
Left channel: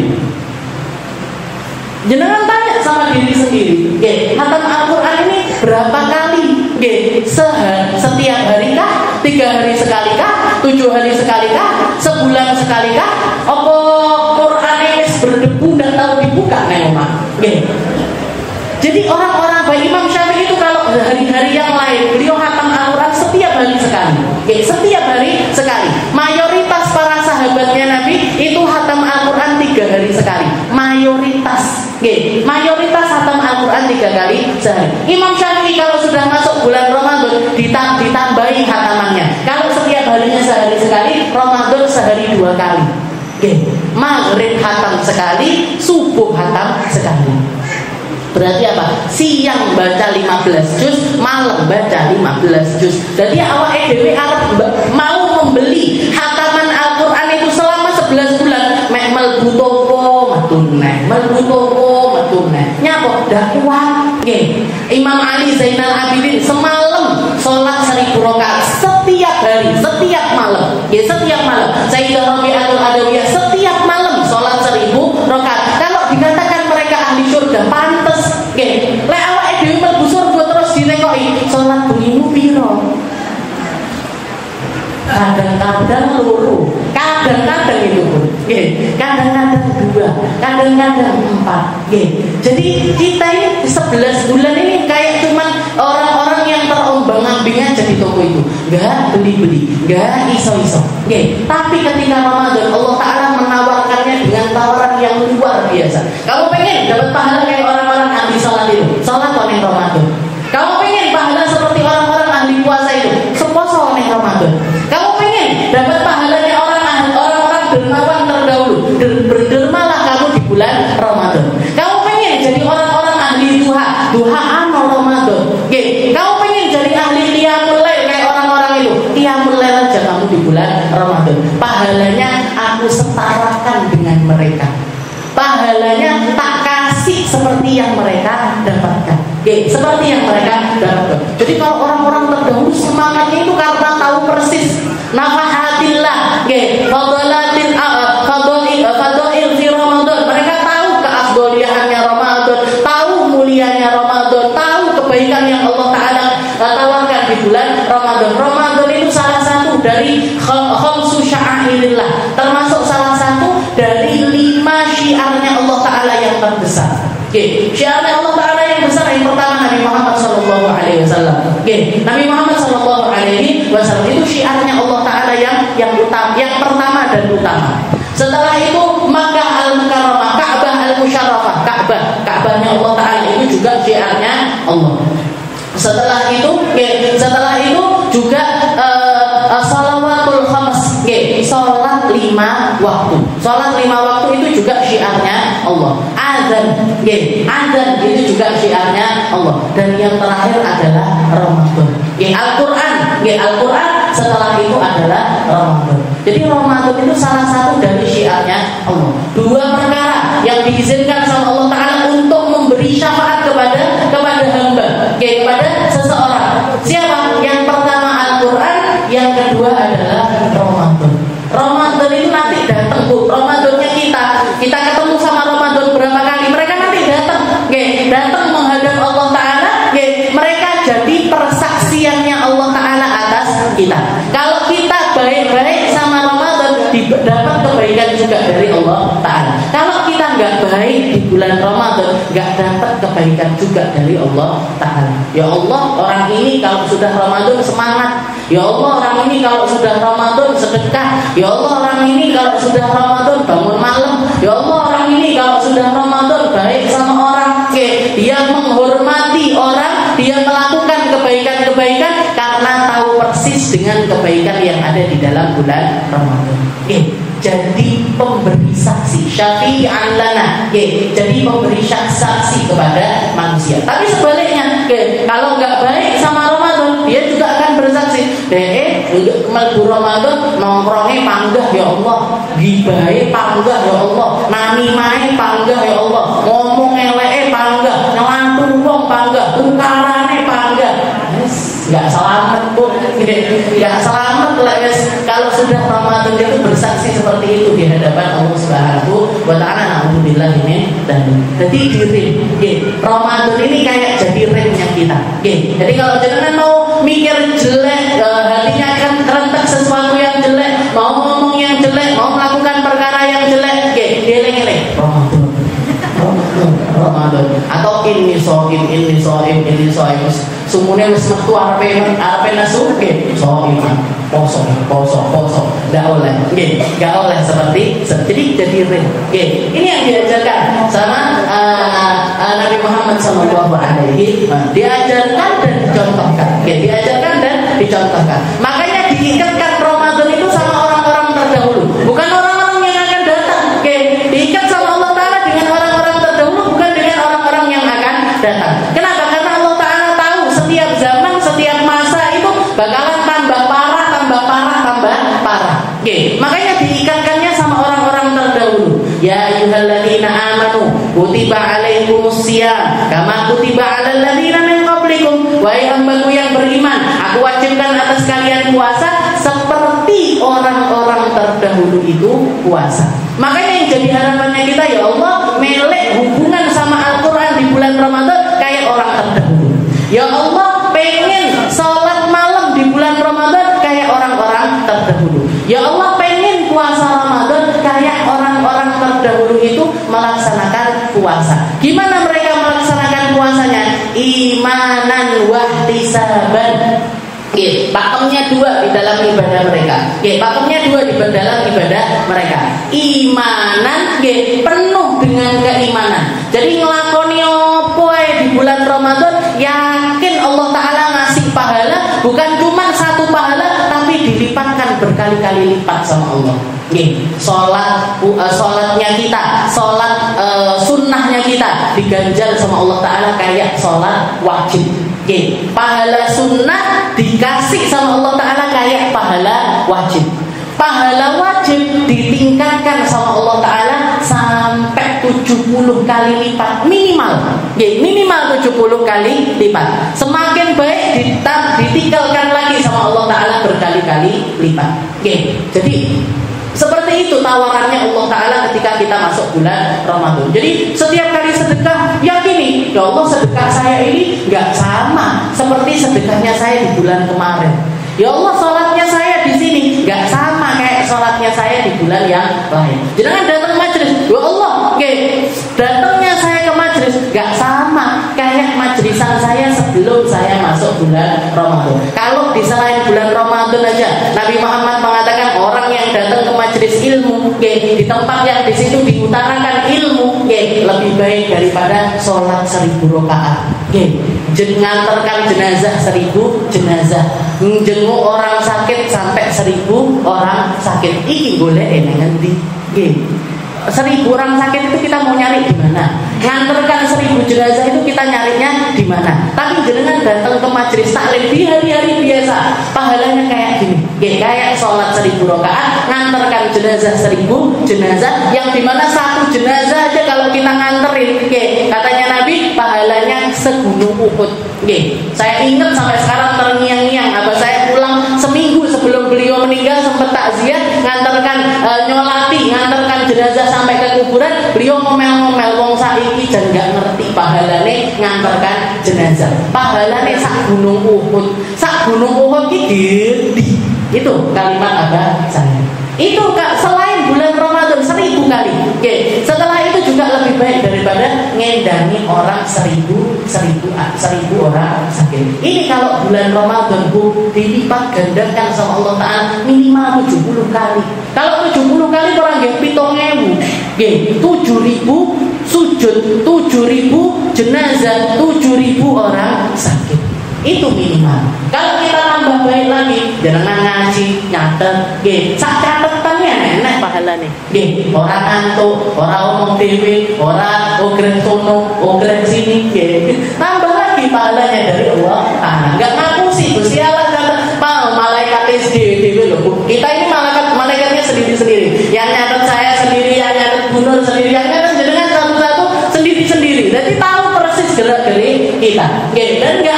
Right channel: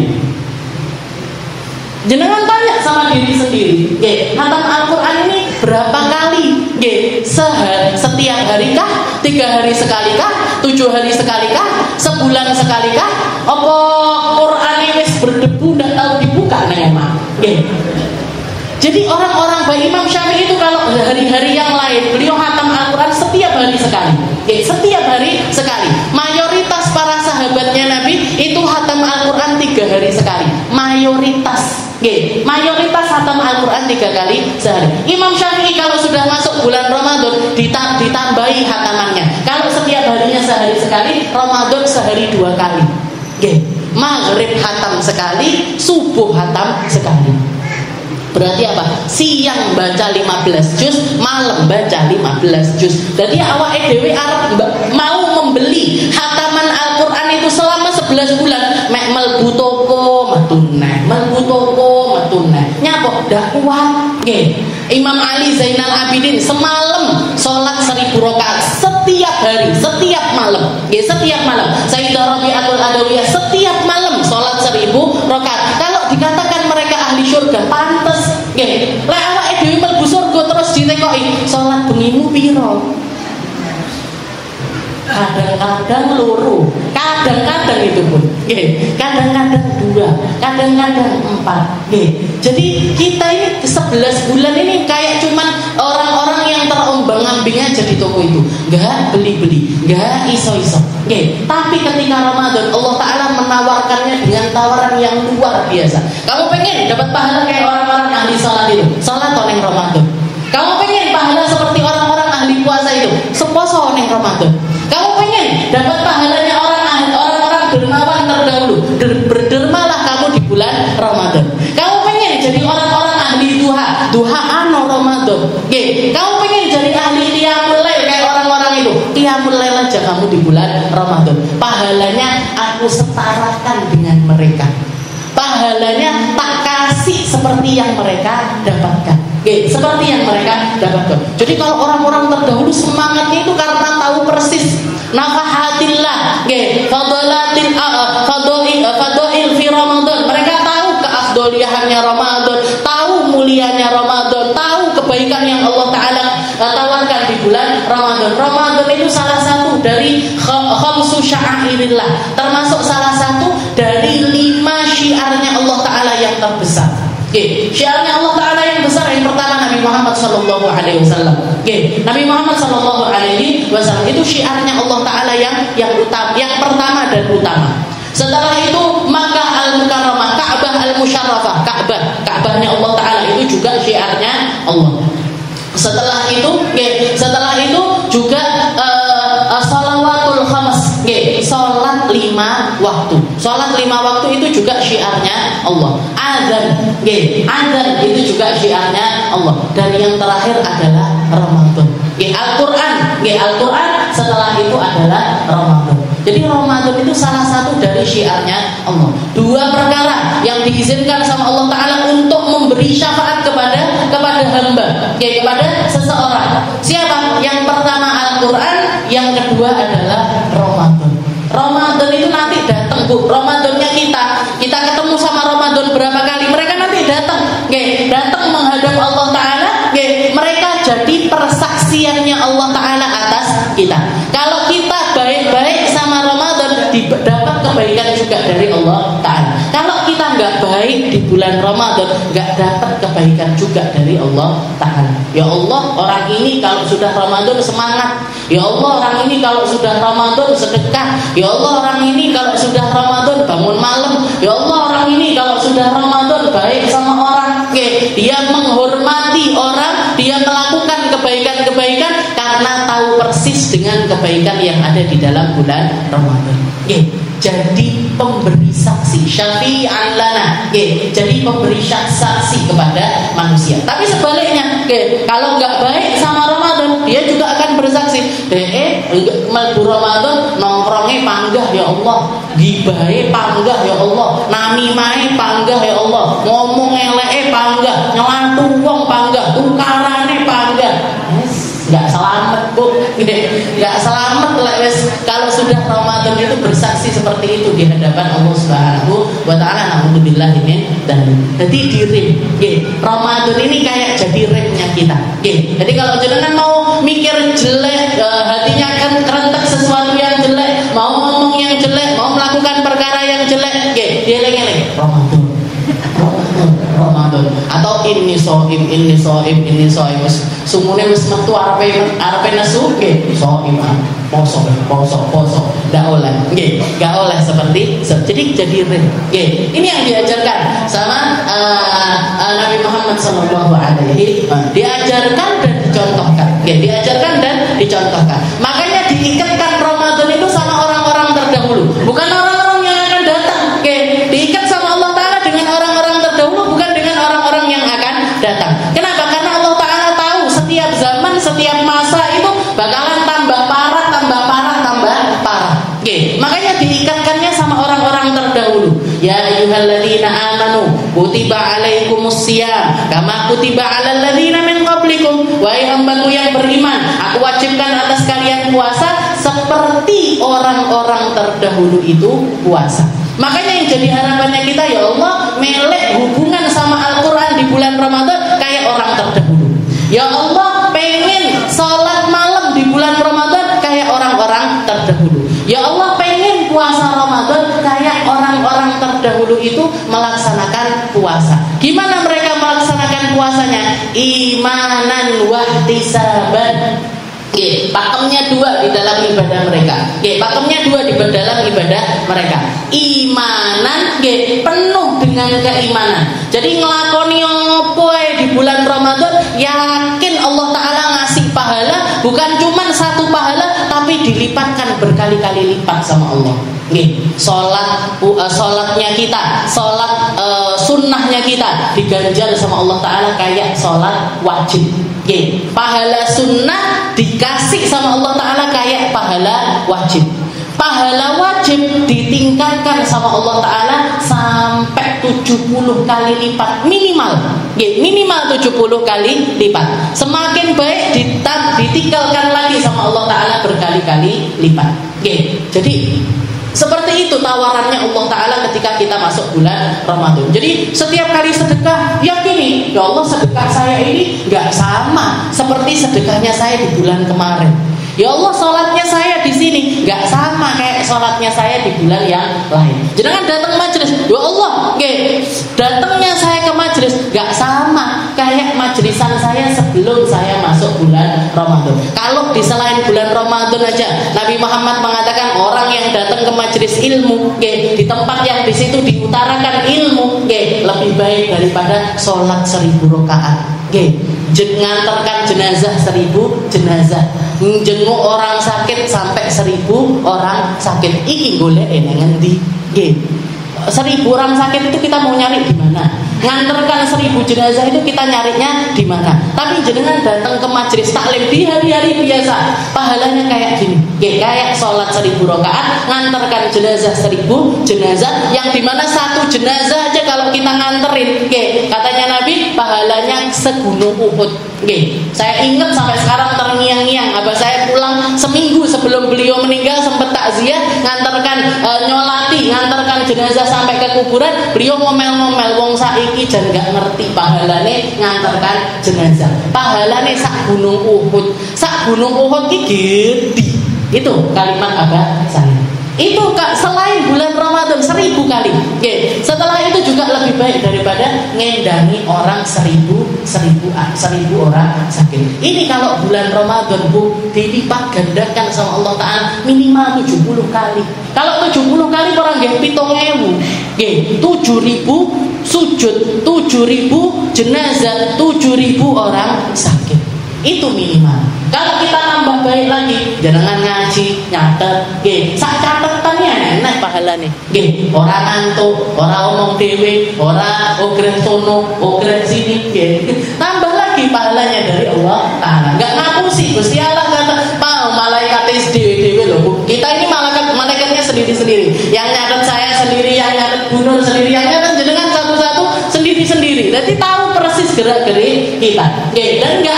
jenengan tanya sama diri sendiri, nggih, khatam Al-Qur'an ini berapa kali? Nggih, setiap hari kah? 3 hari sekali kah? 7 hari sekali kah? Sebulan sekali kah? Apa Qur'an ini berdebu dan tahu dibuka nih omah? Nggih. Jadi orang-orang baik Imam Syafi'i itu kalau hari-hari yang lain beliau khatam Al-Qur'an setiap hari sekali. Nggih, setiap hari sekali. Mayoritas para sahabatnya Nabi itu khatam Al-Qur'an 3 hari sekali. Mayoritas. Nggih, mayoritas khatam Al-Qur'an 3 kali sehari. Imam Syafi'i kalau sudah masuk bulan Ramadan ditambahi khatamannya. Kalau setiap harinya sehari sekali, Ramadan sehari 2 kali. Nggih, maghrib khatam sekali, subuh khatam sekali. Berarti apa? Siang baca 15 juz, malam baca 15 juz. Jadi awake dhewe arep mau membeli khataman Al-Qur'an itu selama 11 bulan, mek mlebu toko metune, nyapa dak kuat. Nggih. Imam Ali Zainal Abidin semalam salat 1000 rakaat setiap hari, setiap malam. Nggih, setiap malam. Sayyidah Rabi'atul Adawiyah setiap malam salat 1000 rakaat. Kalau dikatakan mereka ahli surga, pantes. Nggih. Lek awake dhewe mlebu surga terus ditekoki, salat bengimu piro? Kadang-kadang loro, kadang-kadang itu pun, kadang-kadang 2, kadang-kadang 4. Jadi kita ini 11 bulan ini kayak cuman orang-orang yang terombang-ambing aja di toko itu, nggak beli-beli, nggak iso-iso. Tapi ketika Ramadan Allah Taala menawarkannya dengan tawaran yang luar biasa. Kamu pengen dapat pahala kayak orang-orang ahli sholat itu, sholat ning Ramadan. Kamu pengen pahala seperti orang-orang ahli puasa itu, seposo ning Ramadan. Kamu pengen dapat pahalanya orang-orang dermawan terdahulu, berdermalah kamu di bulan Ramadan. Kamu pengen jadi orang-orang ahli duhaan Ramadan. Kamu pengen jadi ahli qiyamul lail kayak orang-orang itu, qiyamul lail aja kamu di bulan Ramadan. Pahalanya aku setarakan dengan mereka. Pahalanya tak kasih seperti yang mereka dapatkan. Seperti yang mereka dapatkan. Jadi kalau orang-orang terdahulu semangatnya itu karena tahu persis nafahatillah, fadail fi Ramadan. Mereka tahu keafdoliannya Ramadan, tahu mulianya Ramadan, tahu kebaikan yang Allah Taala tawarkan di bulan Ramadan. Ramadan itu salah satu dari khamsu sya'airillah, termasuk salah satu dari 5 syiarnya Allah Taala yang terbesar. Syiarnya Allah Taala yang besar yang pertama Nabi Muhammad sallallahu alaihi wasallam. Nabi Muhammad sallallahu alaihi wasallam itu syiarnya Allah Taala yang utama, yang pertama dan utama. Setelah itu Makkah al-Mukarramah, Ka'bah al-Musyarrafah, Ka'bahnya Allah Taala itu juga syiarnya Allah. Setelah itu juga shalawatul khams, salat 5 waktu. Salat 5 waktu itu juga syiarnya Allah. Azan itu juga syiarnya Allah. Dan yang terakhir adalah Ramadan. Al-Qur'an setelah itu adalah Ramadan. Jadi Ramadan itu salah satu dari syiarnya Allah. 2 perkara yang diizinkan sama Allah Taala untuk memberi syafaat kepada hamba, kepada seseorang. Siapa? Yang pertama Al-Qur'an, yang kedua adalah Ramadan. Ramadan itu nanti datang, Bu. Ramadannya kita ketemu sama Ramadan berapa kali? Mereka nanti datang menghadap Allah Taala, mereka jadi persaksiannya Allah Taala atas kita. Kalau kita baik-baik sama Ramadan, dapat kebaikan juga dari Allah Taala. Kalau kita nggak baik di bulan Ramadan, nggak dapat kebaikan juga dari Allah Taala. Ya Allah, orang ini kalau sudah Ramadan semangat. Ya Allah, orang ini kalau sudah Ramadan sedekah. Ya Allah, orang ini kalau sudah Ramadan bangun malam. Ya Allah, orang ini kalau sudah Ramadan baik sama orang. Dia menghormati orang, dia melakukan kebaikan-kebaikan karena tahu persis dengan kebaikan yang ada di dalam bulan Ramadan. Jadi pemberi saksi, syafi'an lana. Jadi pemberi saksi kepada manusia. Tapi sebaliknya, kalau nggak baik sama Ramadan, dia juga akan bersaksi. Mlebu Ramadan nongkrongnya panggah ya Allah, gibahe panggah ya Allah, namimahe panggah ya Allah, ngomong eleke panggah, nyelatu wong panggah, tukarane panggah. Nggak selamat, Bu. Enggak selamat kalau sudah Ramadan itu bersaksi seperti itu di hadapan Allah Subhanahu wa taala. Alhamdulillah ini dan jadi diri. Ramadan ini kayak jadi remnya kita. Jadi kalau jenengan mau mikir jelek, hatinya akan kerentak sesuatu yang jelek, mau ngomong yang jelek, mau melakukan perkara yang jelek, dieling-eling Ramadan atau ini soim sumune wis metu arepe nesu soim poso enggak oleh enggak oleh seperti jadi ini yang diajarkan sama Nabi Muhammad SAW diajarkan dan dicontohkan makanya diikatkan Ramadan itu sama orang-orang terdahulu, bukan orang-orang yang akan datang. Diikat sama Allah Ta'ala dengan orang-orang terdahulu, bukan dengan orang-orang yang akan datang. Kenapa? Karena Allah Ta'ala tahu setiap zaman, setiap masa itu bakalan tambah parah. Makanya diikatkannya sama orang-orang terdahulu. Ya ayyuhalladzina amanu kutiba alaikumusiyam kama kutiba alal ladzina min qablikum. Wahai hambaku yang beriman, aku wajibkan atas kalian puasa seperti orang-orang terdahulu itu puasa. Makanya yang jadi harapannya kita, ya Allah, melek hubungan sama Al-Quran di bulan Ramadan kayak orang terdahulu. Ya Allah, pengen salat malam di bulan Ramadan kayak orang-orang terdahulu. Ya Allah, pengen puasa Ramadan kayak orang-orang terdahulu itu melaksanakan puasa. Gimana mereka melaksanakan puasanya? Imanan wahtisaban. Pakemnya dua di dalam ibadah mereka. Pakemnya dua di dalam ibadah mereka. Imanan, penuh dengan keimanan. Jadi ngelakoni apa di bulan Ramadan, yakin Allah Ta'ala ngasih pahala, bukan cuma satu pahala, tapi dilipatkan berkali-kali lipat sama Allah. Sholatnya kita, sunnahnya kita diganjar sama Allah Ta'ala kayak sholat wajib. Pahala sunnah dikasih sama Allah Ta'ala kayak pahala wajib. Pahala wajib ditingkatkan sama Allah Ta'ala sampai 70 kali lipat minimal. Minimal 70 kali lipat. Semakin baik ditinggalkan lagi sama Allah Ta'ala berkali-kali lipat. Jadi seperti itu tawarannya Allah Ta'ala ketika kita masuk bulan Ramadan. Jadi setiap kali sedekah, yakini, ya Allah, sedekah saya ini gak sama seperti sedekahnya saya di bulan kemarin. Ya Allah, sholatnya saya di sini gak sama kayak sholatnya saya di bulan yang lain. Jangan datang majelis, ya Allah, datangnya saya ke majelis gak sama kayak majelisan saya sebelum saya masuk bulan Ramadan. Kalau di selain bulan Ramadan aja, Nabi Muhammad mengatakan orang yang datang ke majelis ilmu, di tempat yang di situ diutarakan ilmu, lebih baik daripada sholat 1000 rakaat. Ngantarkan jenazah 1000 jenazah, jenguk orang sakit sampai 1000 orang sakit. Iki golek nang endi? 1000 orang sakit itu kita mau nyari di mana? Ngantarkan 1000 jenazah itu kita nyarinya di mana? Tapi jenengan datang ke majelis taklim di hari-hari biasa, pahalanya kayak gini. Kayak sholat 1000 rakaat, ngantarkan jenazah 1000 jenazah, yang dimana satu jenazah aja kalau kita nganterin, katanya Nabi, pahalanya segunung Uhud. Saya ingat sampai sekarang terngiang-ngiang. Abah saya pulang seminggu sebelum beliau meninggal sempat takziah, ngantarkan jenazah sampai ke kuburan. Beliau ngomel-ngomel, wong saiki jan gak ngerti pahalane ngantarkan jenazah. Pahalane sak gunung Uhud. Sak gunung Uhud iki gede. Itu kalimat Abah saya. Itu selain bulan Ramadan 1000 kali. Setelah itu juga lebih baik daripada ngendangi orang 1000 orang sakit. Ini kalau bulan Ramadan dilipat gandakan sama Allah Ta'ala minimal 70 kali. Kalau 70 kali orang nggih 7.000. 7.000 sujud, 7.000 jenazah, 7.000 orang sakit. Itu minimal. Kalau kita tambah baik lagi, jangan ngaji, nyatet, sak catetannya enak pahalane. Ora antuk, ora omong dhewe, ora ogreh sono, ogreh sini, tambah lagi pahalanya dari Allah. Enggak ngapusi Gusti Allah kata, malaikat dhewe lho. Kita ini malaikatnya sendiri-sendiri. Yang nyatet saya sendiri, yang nyatet Gunur sendiri, yang nyatet jenengan satu-satu sendiri-sendiri. Jadi tahu persis gerak-gerik kita. Dan enggak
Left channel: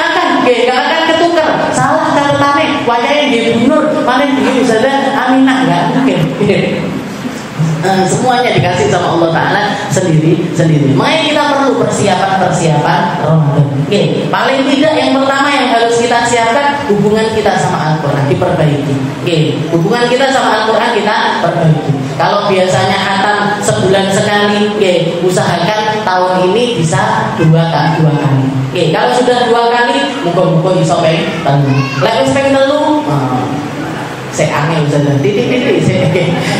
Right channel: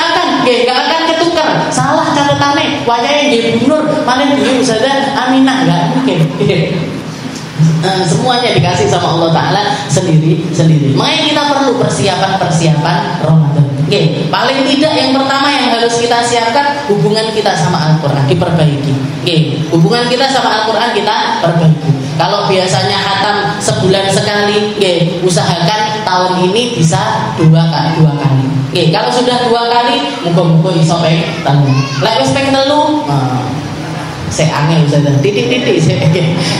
akan ketukar. Salah catatannya, wajahnya nggih Gunur kemarin begini Ustazah, Aminah nggak mungkin. Semuanya dikasih sama Allah Ta'ala sendiri. Makanya kita perlu persiapan Ramadan. Oke, paling tidak yang pertama yang harus kita siapkan hubungan kita sama Al-Quran diperbaiki. Oke, hubungan kita sama Al-Quran kita perbaiki. Kalau biasanya khatam sebulan sekali, oke, usahakan tahun ini bisa dua kali. Oke, kalau sudah 2 kali, muka-muka bisa pengen telu. Lek wis pengen telu, saya angel saja, titik.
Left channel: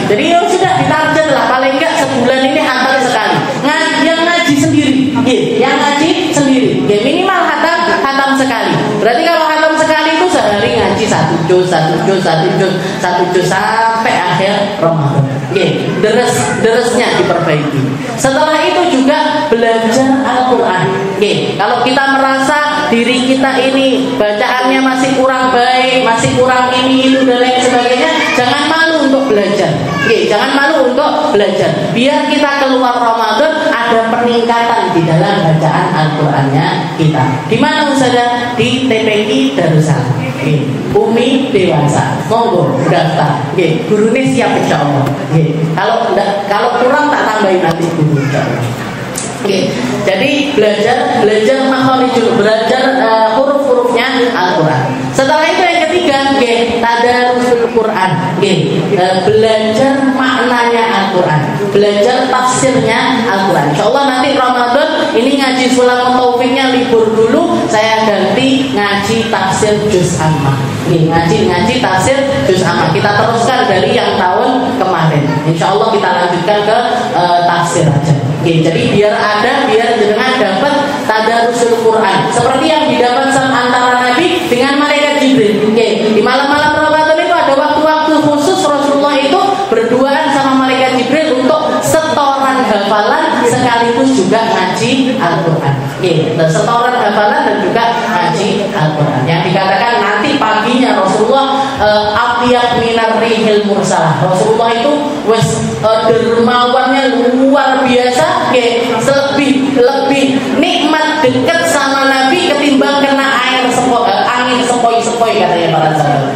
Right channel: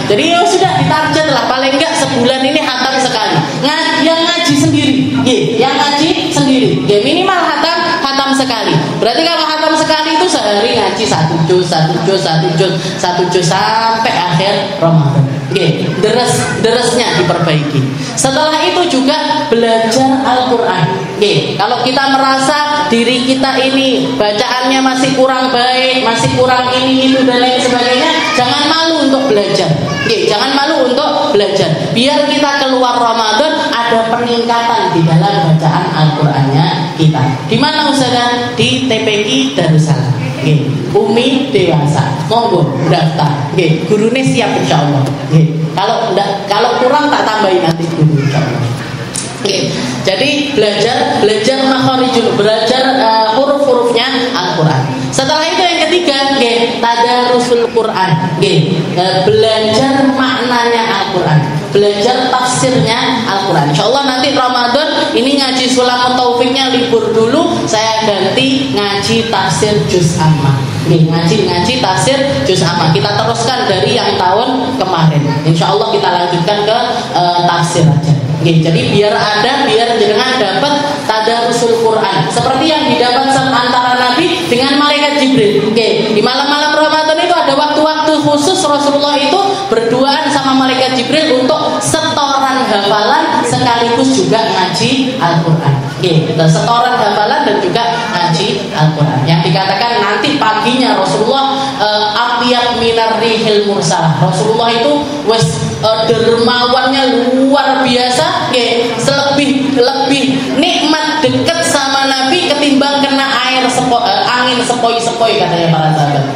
Jadi ya sudah ditarget lah, paling enggak sebulan ini khatam sekali. Yang ngaji sendiri, yang ngaji sendiri, minimal khatam sekali. Berarti kalau khatam sekali itu sehari ngaji 1 juz sampai akhir Ramadan. Deres-deresnya diperbaiki. Setelah itu juga belajar Al-Quran. Kalau kita merasa diri kita ini bacaannya masih kurang baik, masih kurang ini itu dan lain sebagainya, jangan malu untuk belajar. Jangan malu untuk belajar. Biar kita keluar Ramadan ada peningkatan di dalam bacaan Al-Qurannya kita. Di mana Ustazah? Di TPQ Darussalam. Umi dewasa, monggo daftar. Gurunya siap insyaallah. Kalau kurang tak tambahin nanti guru insyaallah. Jadi belajar makharijul, belajar huruf-hurufnya Al-Quran. Setelah itu yang ketiga, tadarusul Quran. Belajar maknanya Al-Quran, belajar tafsirnya Al-Quran. Insyaallah nanti Ramadan ini ngaji Sulamut Taufiknya libur dulu, saya ganti ngaji tafsir juz amma. Ngaji tafsir juz amma. Kita teruskan dari yang tahun kemarin. Insyaallah kita lanjutkan ke tafsir aja. Jadi biar jenengan dapat tadarusul Quran seperti yang didapat antara Nabi dengan malaikat Jibril. Di malam-malam Ramadan itu ada waktu-waktu khusus Rasulullah itu berduaan sama malaikat Jibril untuk setoran hafalan sekaligus juga ngaji Al-Quran. Setoran hafalan dan juga ngaji Al-Quran. Yang dikatakan nanti paginya Rasulullah atyab minar rihil mursalah. Rasulullah itu dermawannya luar biasa, lebih nikmat dekat sama Nabi ketimbang kena angin sepoi-sepoi katanya para sahabat.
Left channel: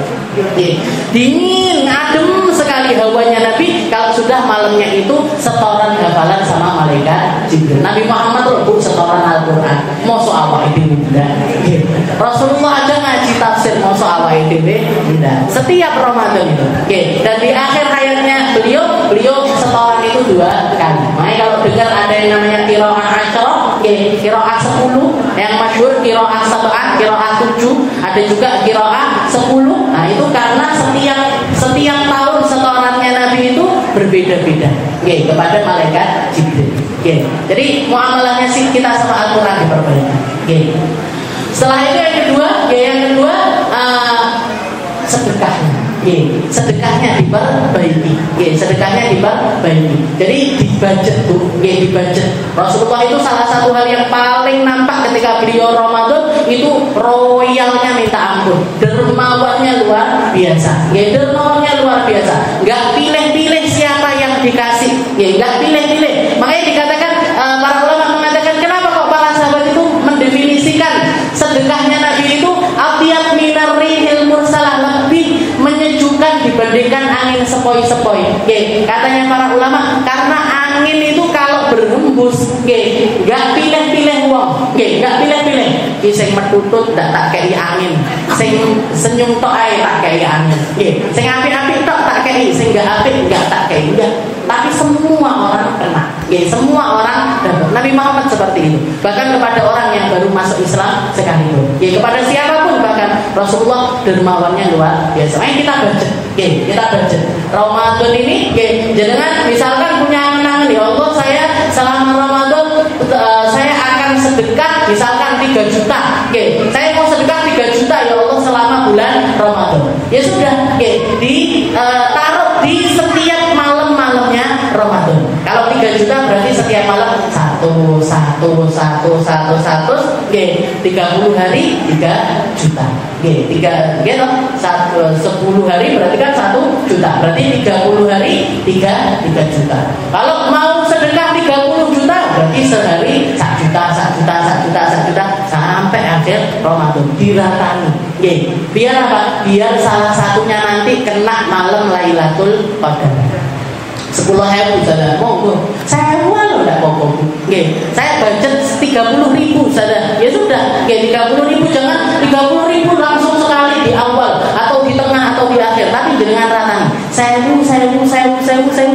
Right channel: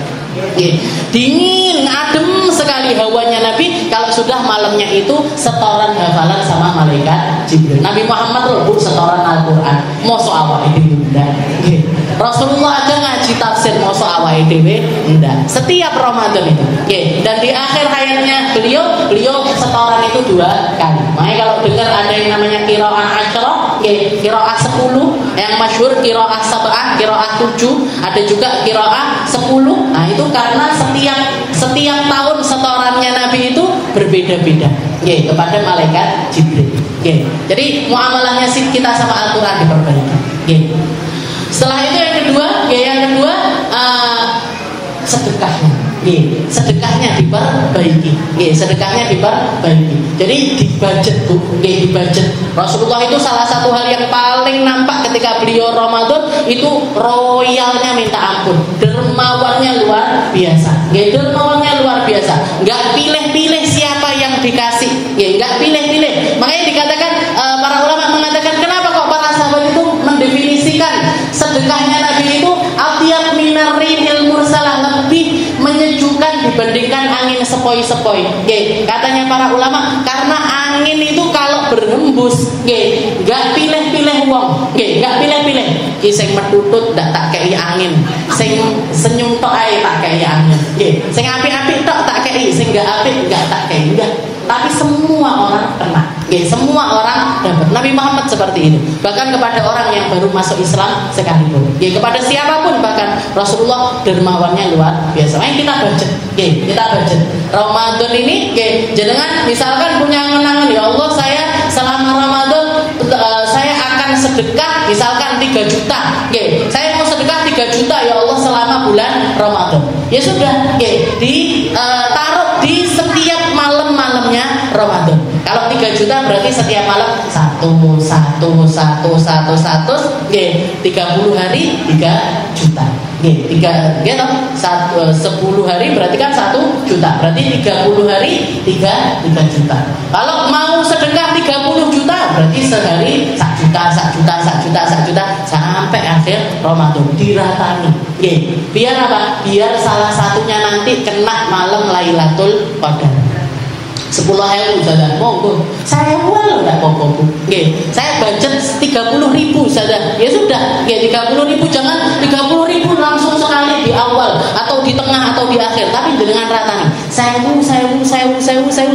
Dingin, adem sekali hawanya Nabi kalau sudah malamnya itu setoran hafalan sama malaikat Jibril. Nabi Muhammad rebut setoran Al-Quran. Mosok awake dhewe ndak. Rasulullah aja ngaji tafsir mosok awake dhewe ndak. Setiap Ramadan itu. Dan di akhir hayatnya beliau setoran itu 2 kali. Makanya kalau dengar ada yang namanya qiraah asyarah, qiraah 10, yang masyhur qiraah 1, qiraah 7, ada juga qiraah 10. Nah, itu karena setiap tahun setorannya Nabi itu berbeda-beda kepada malaikat Jibril. Jadi muamalahnya kita sama Al-Quran diperbaiki. Setelah itu yang kedua sedekahnya diperbaiki. Jadi dibudget. Rasulullah itu salah satu hal yang paling nampak ketika beliau Ramadan itu royalnya minta ampun, dermawannya luar biasa. Nggak pilih-pilih siapa yang dikasih, nggak pilih-pilih. Makanya dikatakan para ulama mengatakan kenapa kok para sahabat itu mendefinisikan sedekahnya Nabi itu atyab minar rihil mursalah, lebih menyejukkan dibandingkan angin sepoi-sepoi. Katanya para ulama karena angin itu kalau berhembus nggak pilih-pilih wong, nggak pilih-pilih. Sing metutut ndak tak kei angin, sing senyum tok ae tak kei angin. Sing apik-apik tok tak kei, sing gak apik gak tak kei. Tapi semua orang kena. Semua orang dapat. Nabi Muhammad seperti itu. Bahkan kepada orang yang baru masuk Islam sekalipun. Kepada siapapun bahkan Rasulullah dermawannya luar biasa. Ayo kita budget. Ramadan ini jenengan misalkan punya angan-angan, ya Allah saya selama Ramadan saya akan sedekah misalkan 3 juta. Saya mau sedekah 3 juta ya Allah selama bulan Ramadan. Ya sudah, taruh di setiap malam-malamnya Ramadan. Kalau 3 juta berarti setiap malam 1, 30 hari 3 juta. 10 hari berarti kan 1 juta. Berarti 30 hari 3 juta. Kalau mau sedekah 30 juta berarti sehari 1 juta sampai sampai akhir Ramadan diratani. Biar apa? Biar salah satunya nanti kena malam Lailatul Qadar. 10.000 saudara, monggo. Saya loh enggak apa-apa. Saya budget 30.000 saudara. Ya sudah, 30.000, jangan 30.000 langsung sekali di awal atau di tengah atau di akhir, tapi dengan ratani. 1.000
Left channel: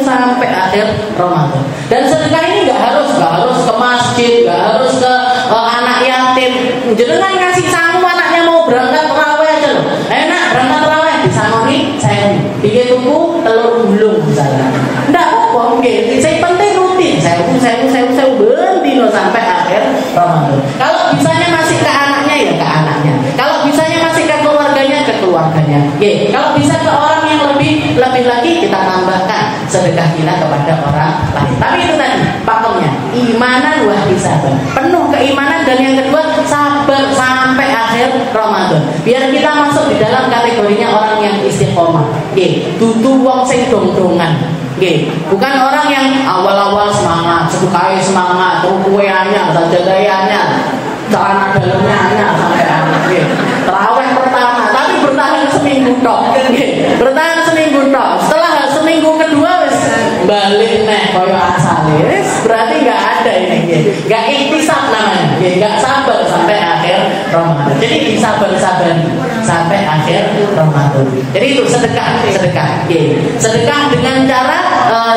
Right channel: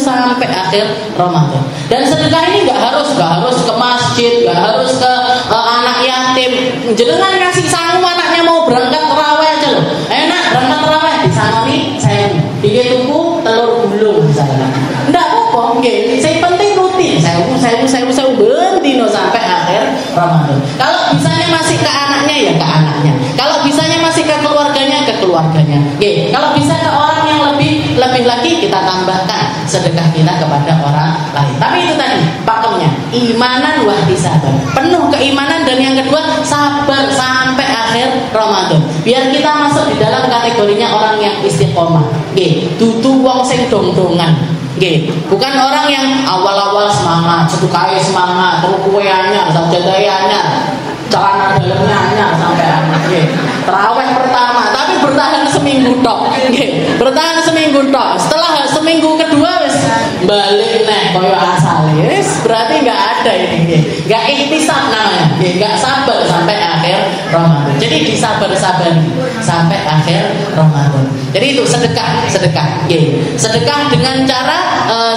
sampai akhir Ramadan. Dan sedekah ini enggak harus ke masjid, enggak harus ke anak yatim. Jenengan ngasih sangu anaknya mau berangkat tarawih aja loh. Enak berangkat tarawih disanoni 1.000. Dikit tuku telur gulung misalnya. Enggak apa-apa, saya penting rutin. Saya bendino sampai akhir Ramadan. Kalau bisanya masih ke anaknya ya ke anaknya. Kalau bisanya masih ke keluarganya ke keluarganya. Kalau bisa ke orang yang lebih lagi kita tambahkan sedekah kita kepada orang lain. Tapi itu tadi pakemnya imanan wa ihtisaban. Penuh keimanan dan yang kedua sabar sampai akhir Ramadan. Biar kita masuk di dalam kategorinya orang yang istiqomah. Dudu wong sing dong-dongan. Bukan orang yang awal-awal semangat, sedekah semangat, terus kueannya, sajadahnya, celana dalamnya sampai akhir. Tarawih pertama, tapi bertahan seminggu tok. Bertahan seminggu tok. Setelah seminggu kedua wis balik koyo asale. Wis berarti enggak ada ini. Enggak ihtisab namanya. Enggak sabar sampai akhir Ramadan. Jadi disabar-sabari sampai akhir Ramadan. Jadi itu sedekah. Sedekah dengan cara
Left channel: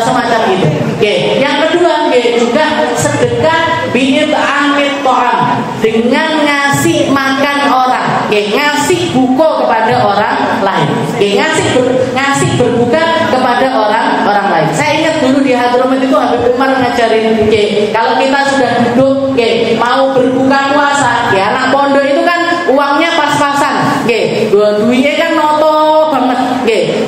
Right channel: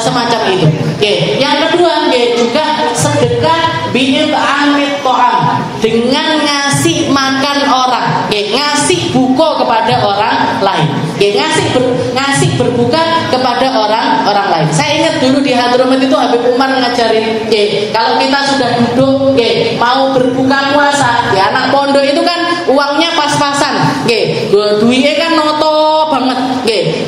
semacam itu. Yang kedua juga sedekah bi'it'amit ta'am, dengan ngasih makan orang. Ngasih buka kepada orang lain. Ngasih berbuka kepada orang lain. Saya ingat dulu di Hadramut itu Habib Umar ngajarin, kalau kita sudah duduk mau berbuka puasa, anak pondok itu kan uangnya pas-pasan. Duitnya kan noto banget.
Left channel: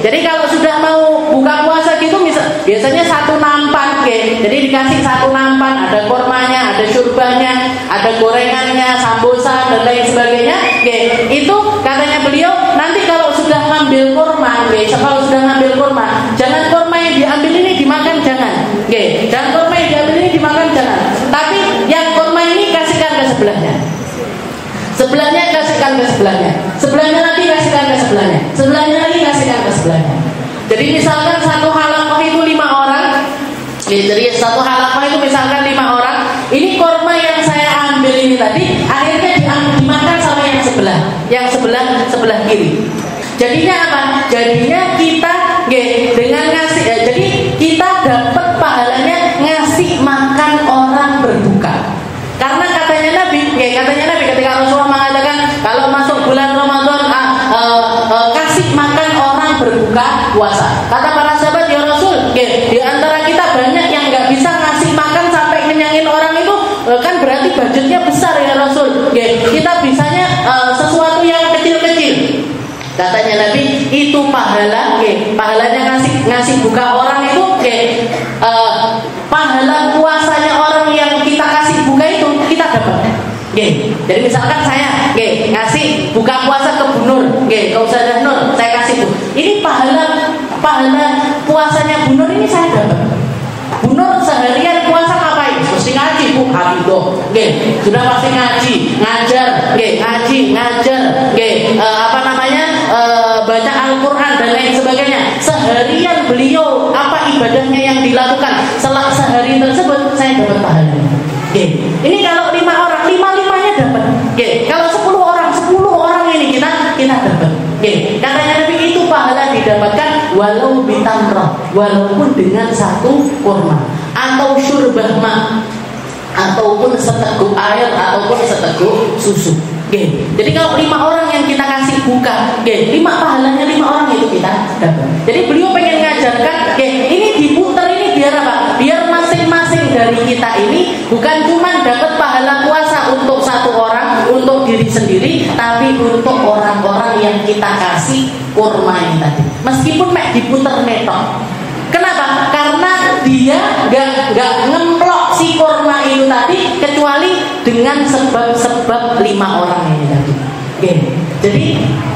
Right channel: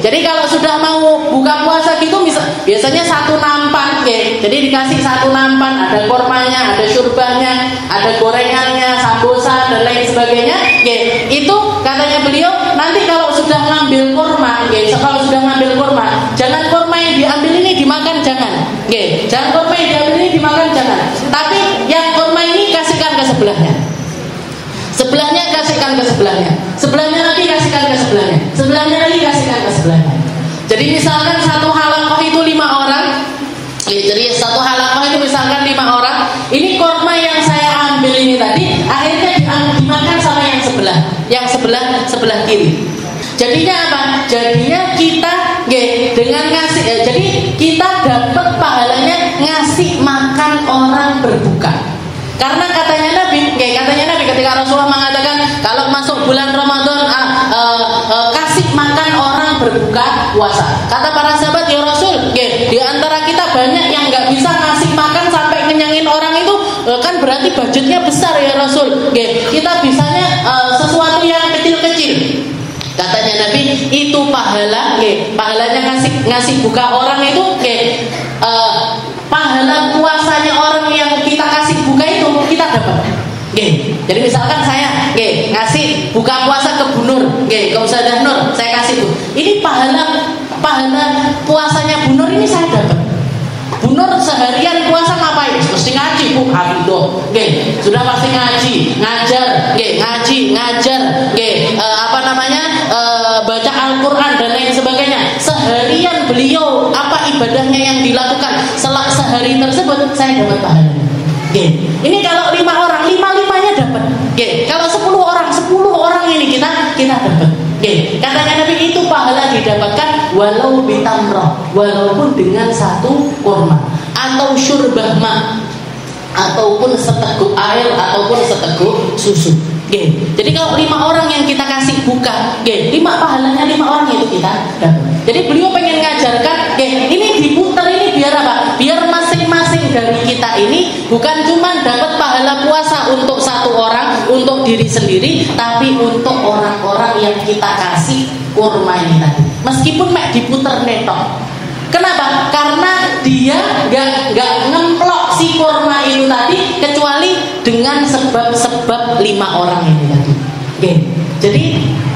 Jadi kalau sudah mau buka puasa gitu biasanya satu nampan. Jadi dikasih satu nampan, ada kormanya, ada syurbanya, ada gorengannya, sambosa dan lain sebagainya. Itu katanya beliau, nanti kalau sudah ngambil kurma, jangan kurma yang diambil ini dimakan, jangan. Jangan kurma yang diambil ini dimakan, jangan. Tapi yang kurma ini kasihkan ke sebelahnya. Sebelahnya kasihkan ke sebelahnya. Sebelahnya lagi kasihkan ke sebelahnya. Sebelahnya lagi kasihkan ke sebelahnya. Jadi misalkan satu halakoh itu 5 orang. Jadi satu halakoh itu misalkan 5 orang. Ini kurma yang saya ambil ini tadi akhirnya dimakan sama yang sebelah. Yang sebelah kiri. Jadinya apa? Jadinya kita dengan ngasih jadi kita dapat pahalanya ngasih makan orang berbuka. Karena katanya Nabi ketika Rasulullah mengatakan kalau masuk bulan Ramadan kasih makan orang berbuka puasa. Kata para sahabat, ya Rasul, di antara kita banyak yang nggak bisa ngasih makan sampai kenyangin orang itu, kan berarti budgetnya besar ya Rasul. Kita bisanya sesuatu yang kecil-kecil. Katanya Nabi, itu pahalanya ngasih buka orang itu, pahala puasanya orang yang kita kasih buka itu kita dapat. Jadi misalkan saya ngasih buka puasa ke Bu Nur, ke Ustazah Nur, saya kasih Bu. Ini pahala puasanya Bu Nur ini saya dapat. Bu Nur seharian puasa ngapain? Mesti ngaji Bu, Hafidoh. Sudah pasti ngaji, ngajar, baca Al-Quran dan lain sebagainya. Seharian beliau apa ibadahnya yang dilakukan, setelah sehari tersebut saya dapat pahalanya. Ini kalau 5 orang, 5-5-nya dapat. Kalau 10 orang ini kita dapat. Katanya Nabi, itu pahala didapatkan walau bitamrah, walaupun dengan satu kurma atau syurbah ma, ataupun seteguk air, ataupun seteguk susu. Jadi kalau 5 orang yang kita kasih buka, 5 pahalanya 5 orang itu kita dapat. Jadi beliau pengen ngajarkan, ini diputar ini biar apa? Biar masing-masing dari kita ini bukan cuma dapat pahala puasa untuk satu orang, untuk diri sendiri, tapi untuk orang-orang yang kita kasih kurma ini tadi. Meskipun diputar netok. Kenapa? Karena dia gak ngemplok si kurma itu tadi kecuali dengan sebab-sebab 5 orang ini tadi. Jadi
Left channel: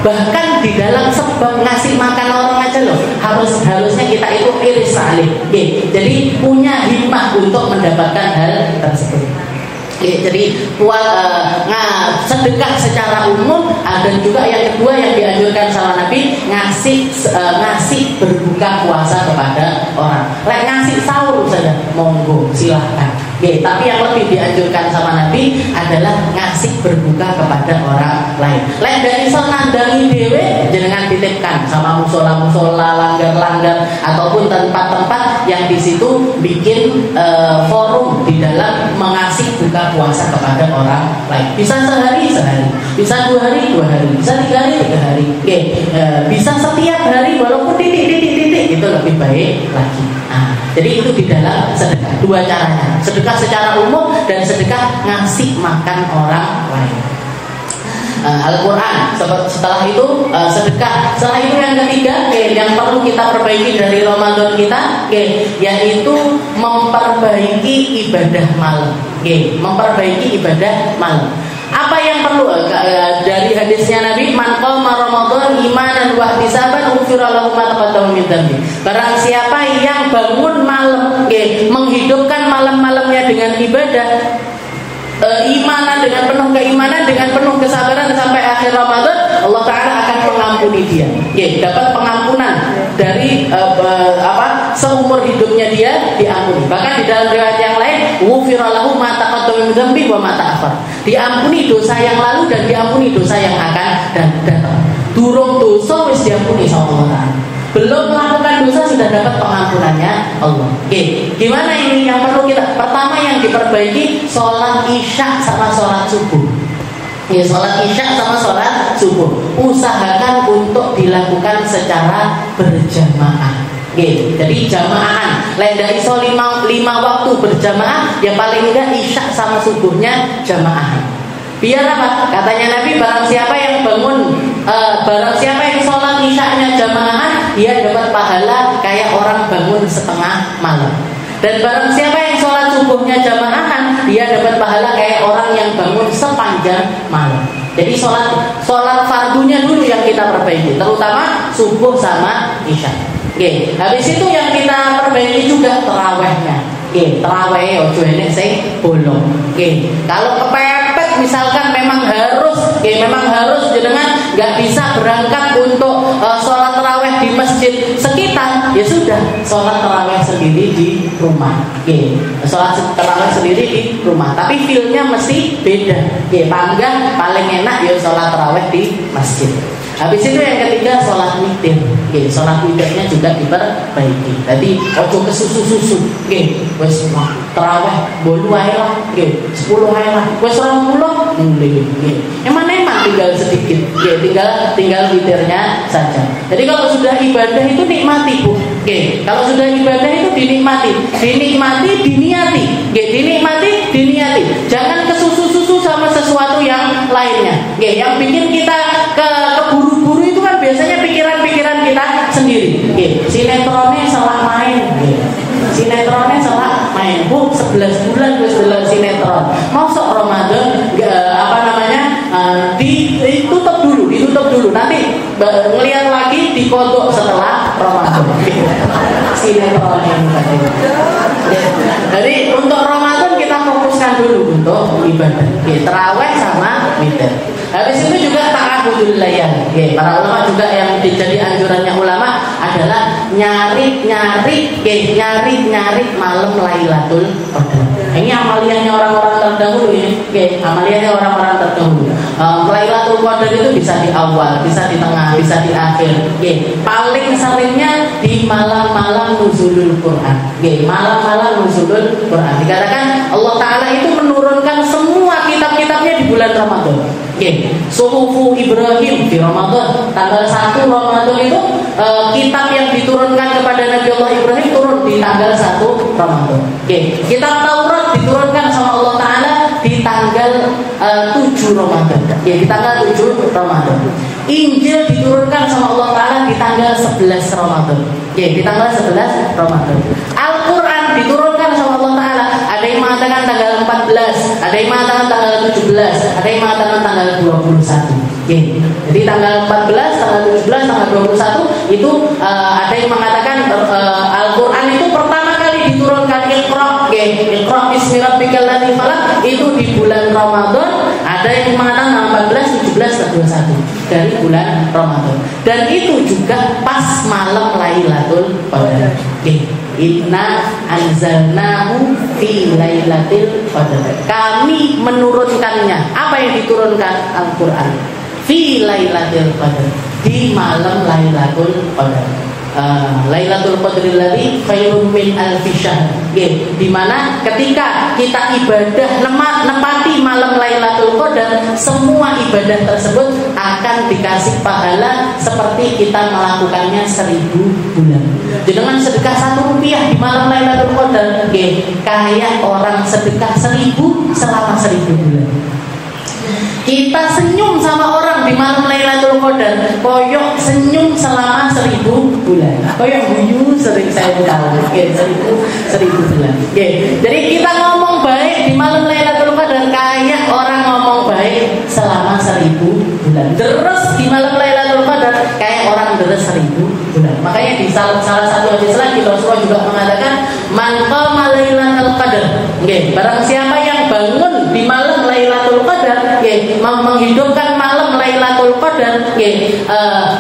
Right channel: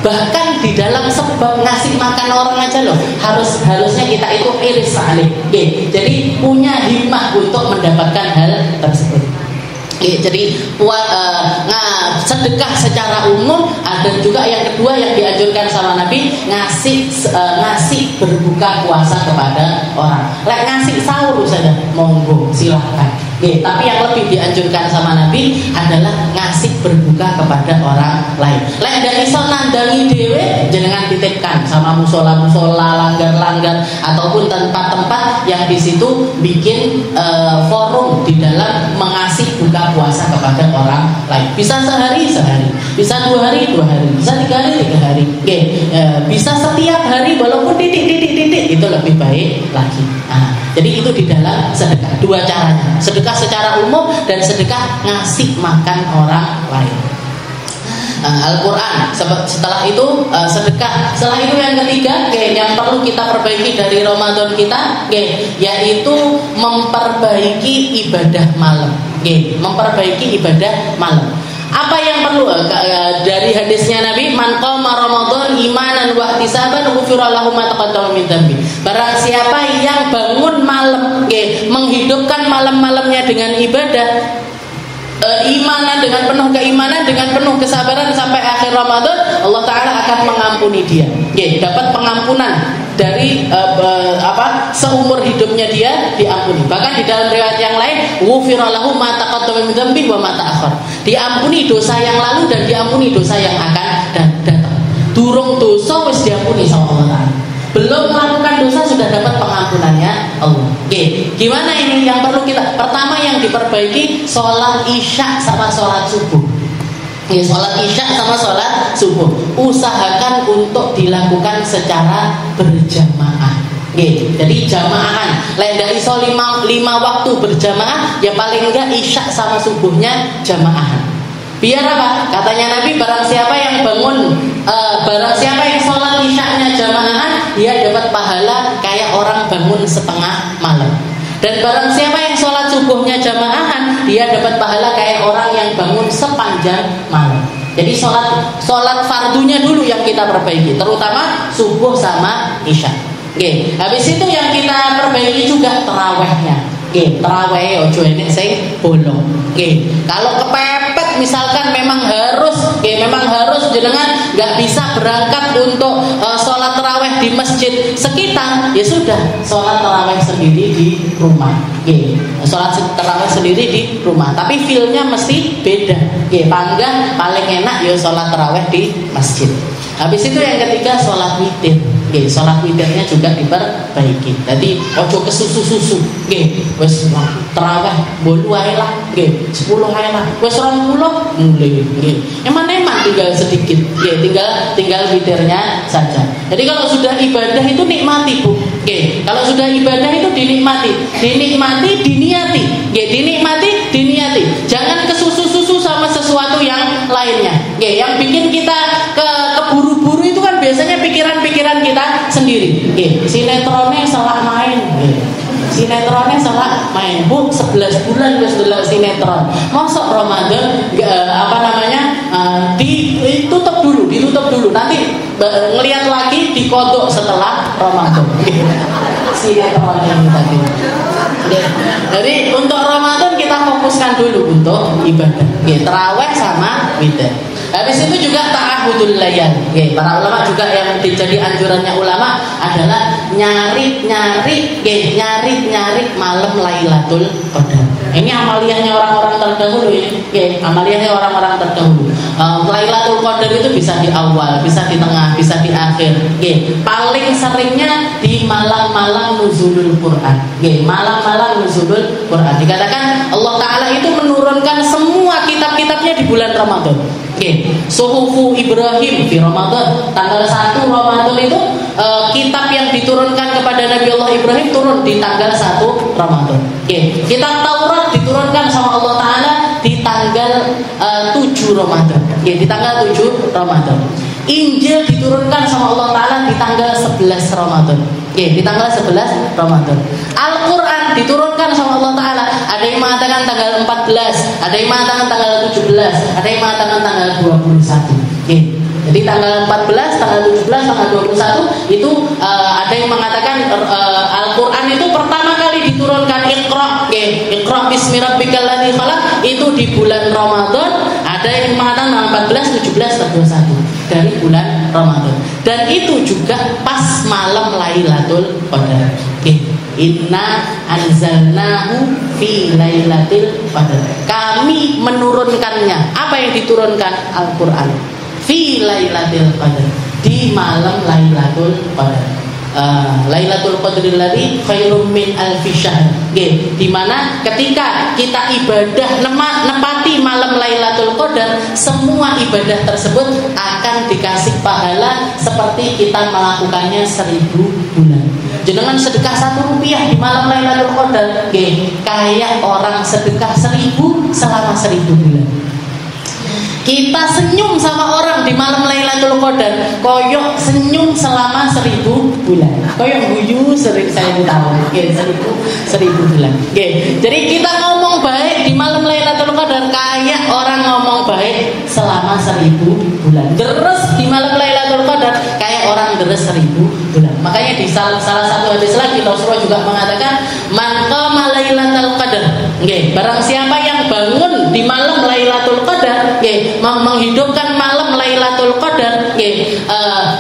bahkan di dalam sebab ngasih makan orang aja loh, harusnya kita itu iris salih. Jadi punya himmah untuk mendapatkan hal tersebut. Jadi sedekah secara umum. Dan juga yang kedua yang dianjurkan sama Nabi, ngasih berbuka puasa kepada orang. Ngasih sahur saja monggo silahkan. Tapi yang lebih dianjurkan sama Nabi adalah ngasih berbuka kepada orang lain. Dari iso nandangi dhewe jenengan titipkan sama musola-musola, langgar-langgar ataupun tempat-tempat yang di situ bikin forum di dalam mengasih buka puasa kepada orang lain. Bisa sehari, bisa 2 hari, bisa 3 hari, 3 hari. Bisa setiap hari walaupun titik itu lebih baik lagi. Jadi itu di dalam sedekah, 2 caranya. Sedekah secara umum dan sedekah ngasih makan orang lain. Al-Quran. Setelah itu sedekah. Setelah itu yang ketiga yang perlu kita perbaiki dari Ramadan kita, yaitu memperbaiki ibadah malam. Memperbaiki ibadah malam. Apa yang perlu dari hadisnya Nabi, man qama Ramadan imanan wa ihtisaban ghufira lahu ma taqaddama min dhanbi. Barang siapa yang bangun malam, menghidupkan malam-malamnya dengan ibadah, imanan, dengan penuh keimanan, dengan penuh kesabaran sampai akhir Ramadan, Allah Ta'ala akan mengampuni dia. Dapat pengampunan dari seumur hidupnya dia diampuni. Bahkan di dalam riwayat yang lain, ghufira lahu ma taqaddama min dhanbi wa ma ta'akhkhar. Diampuni dosa yang lalu dan diampuni dosa yang akan datang. Durung dosa wis diampuni sama Allah. Belum melakukan dosa sudah dapat pengampunannya Allah. Gimana ini yang perlu kita? Pertama yang diperbaiki sholat isya sama sholat subuh. Sholat isya sama sholat subuh usahakan untuk dilakukan secara berjamaah. Jadi jamaahan. Dari 5 waktu berjamaah, ya paling enggak isya sama subuhnya jamaahan. Biar apa? Katanya Nabi, barang siapa yang sholat isyanya jamaahan, dia dapat pahala kayak orang bangun setengah malam. Dan barang siapa yang sholat subuhnya jamaahan, dia dapat pahala kayak orang yang bangun sepanjang malam. Jadi sholat fardunya dulu yang kita perbaiki, terutama subuh sama isya. Habis itu yang kita perbaiki juga tarawehnya. Taraweh ojo enek sing bolong. Kalau kepepet misalkan memang harus jenengan nggak bisa berangkat untuk sholat taraweh di masjid sekitar, ya sudah sholat taraweh sendiri di rumah. Sholat taraweh sendiri di rumah, tapi feel-nya mesti beda. Paling enak ya sholat taraweh di masjid. Habis itu yang ketiga sholat witir. Sholat witirnya juga diperbaiki. Jadi ojo ke susu. Wes tarawih bolu ae lah. 10 ae lah. Wes 20 mulai. Emang tinggal sedikit. Tinggal witirnya saja. Jadi kalau sudah ibadah itu nikmati, Bu. Kalau sudah ibadah itu dinikmati, diniati. Diniati. Jangan ke susu sama sesuatu yang lainnya. Yang bikin kita keburu-buru itu kan biasanya pikiran-pikiran kita sendiri. Sinetronnya salah main. Bu, 11 bulan gue delok sinetron. Masuk Ramadan ditutup dulu. Nanti ngelihat lagi dikodok setelah Ramadan. Sinetron ini tadi. Jadi untuk Ramadan kita fokuskan dulu untuk ibadah. Tarawih sama witir. Habis itu juga ta'abudul layal. Para ulama juga yang jadi anjurannya ulama adalah nyari malam Lailatul Qadar. Ini amaliyahnya orang-orang terdahulu ini. Amaliyahnya orang-orang terdahulu. Lailatul Qadar itu bisa di awal, bisa di tengah, bisa di akhir. Paling seringnya di malam-malam nuzulul Quran. Malam-malam nuzulul Quran. Dikatakan Allah Ta'ala itu menurunkan semua kitab-kitabnya di bulan Ramadan. Suhufu Ibrahim di Ramadan. Tanggal 1 Ramadan itu kitab yang diturunkan kepada Nabi Allah Ibrahim turun di tanggal 1 Ramadan. Kitab Taurat diturunkan sama Allah Ta'ala di tanggal 7 Ramadan. Di tanggal 7 Ramadan. Injil diturunkan sama Allah Ta'ala di tanggal 11 Ramadan. Di tanggal 11 Ramadan. Al-Quran diturunkan sama Allah Ta'ala. Ada yang mengatakan tanggal 14, ada yang mengatakan tanggal 17, ada yang mengatakan tanggal 21. Jadi tanggal 14, tanggal 17, tanggal 21 itu ada yang mengatakan Al-Quran itu pertama kali diturunkan Iqra bismi rabbikal ladzi khalaq itu di di bulan Ramadan, ada yang mengatakan 14, 17, 21 dari bulan Ramadan. Dan itu juga pas malam Lailatul Qadar. Inna anzalnahu fi lailatul qadar. Kami menurunkannya. Apa yang diturunkan? Al-Qur'an. Fi lailatul qadar, di malam Lailatul Qadar. Lailatul Qadril ladzi khairum min alfi syahr. Di mana ketika kita ibadah nepati malam Lailatul Qadar, semua ibadah tersebut akan dikasih pahala seperti kita melakukannya 1000 bulan. Jenengan sedekah 1 rupiah di malam Lailatul Qadar, kayak orang sedekah 1000 selama 1000 bulan. Kita senyum sama orang di malam Lailatul Qadar, koyok senyum selama 1000 bulan. Koyok guyu sering saya tahu, 1000 bulan. Jadi kita ngomong baik di malam Lailatul Qadar kayak orang ngomong baik selama 1000 bulan. Terus di malam Lailatul Qadar kayak orang deres 1000 bulan. Makanya di salah satu hadis lagi Rasulullah juga mengatakan, man qama Lailatul Qadar. Barang siapa yang bangun di malam Lailatul Qadar, menghidupkan malam Lailatul Qadar,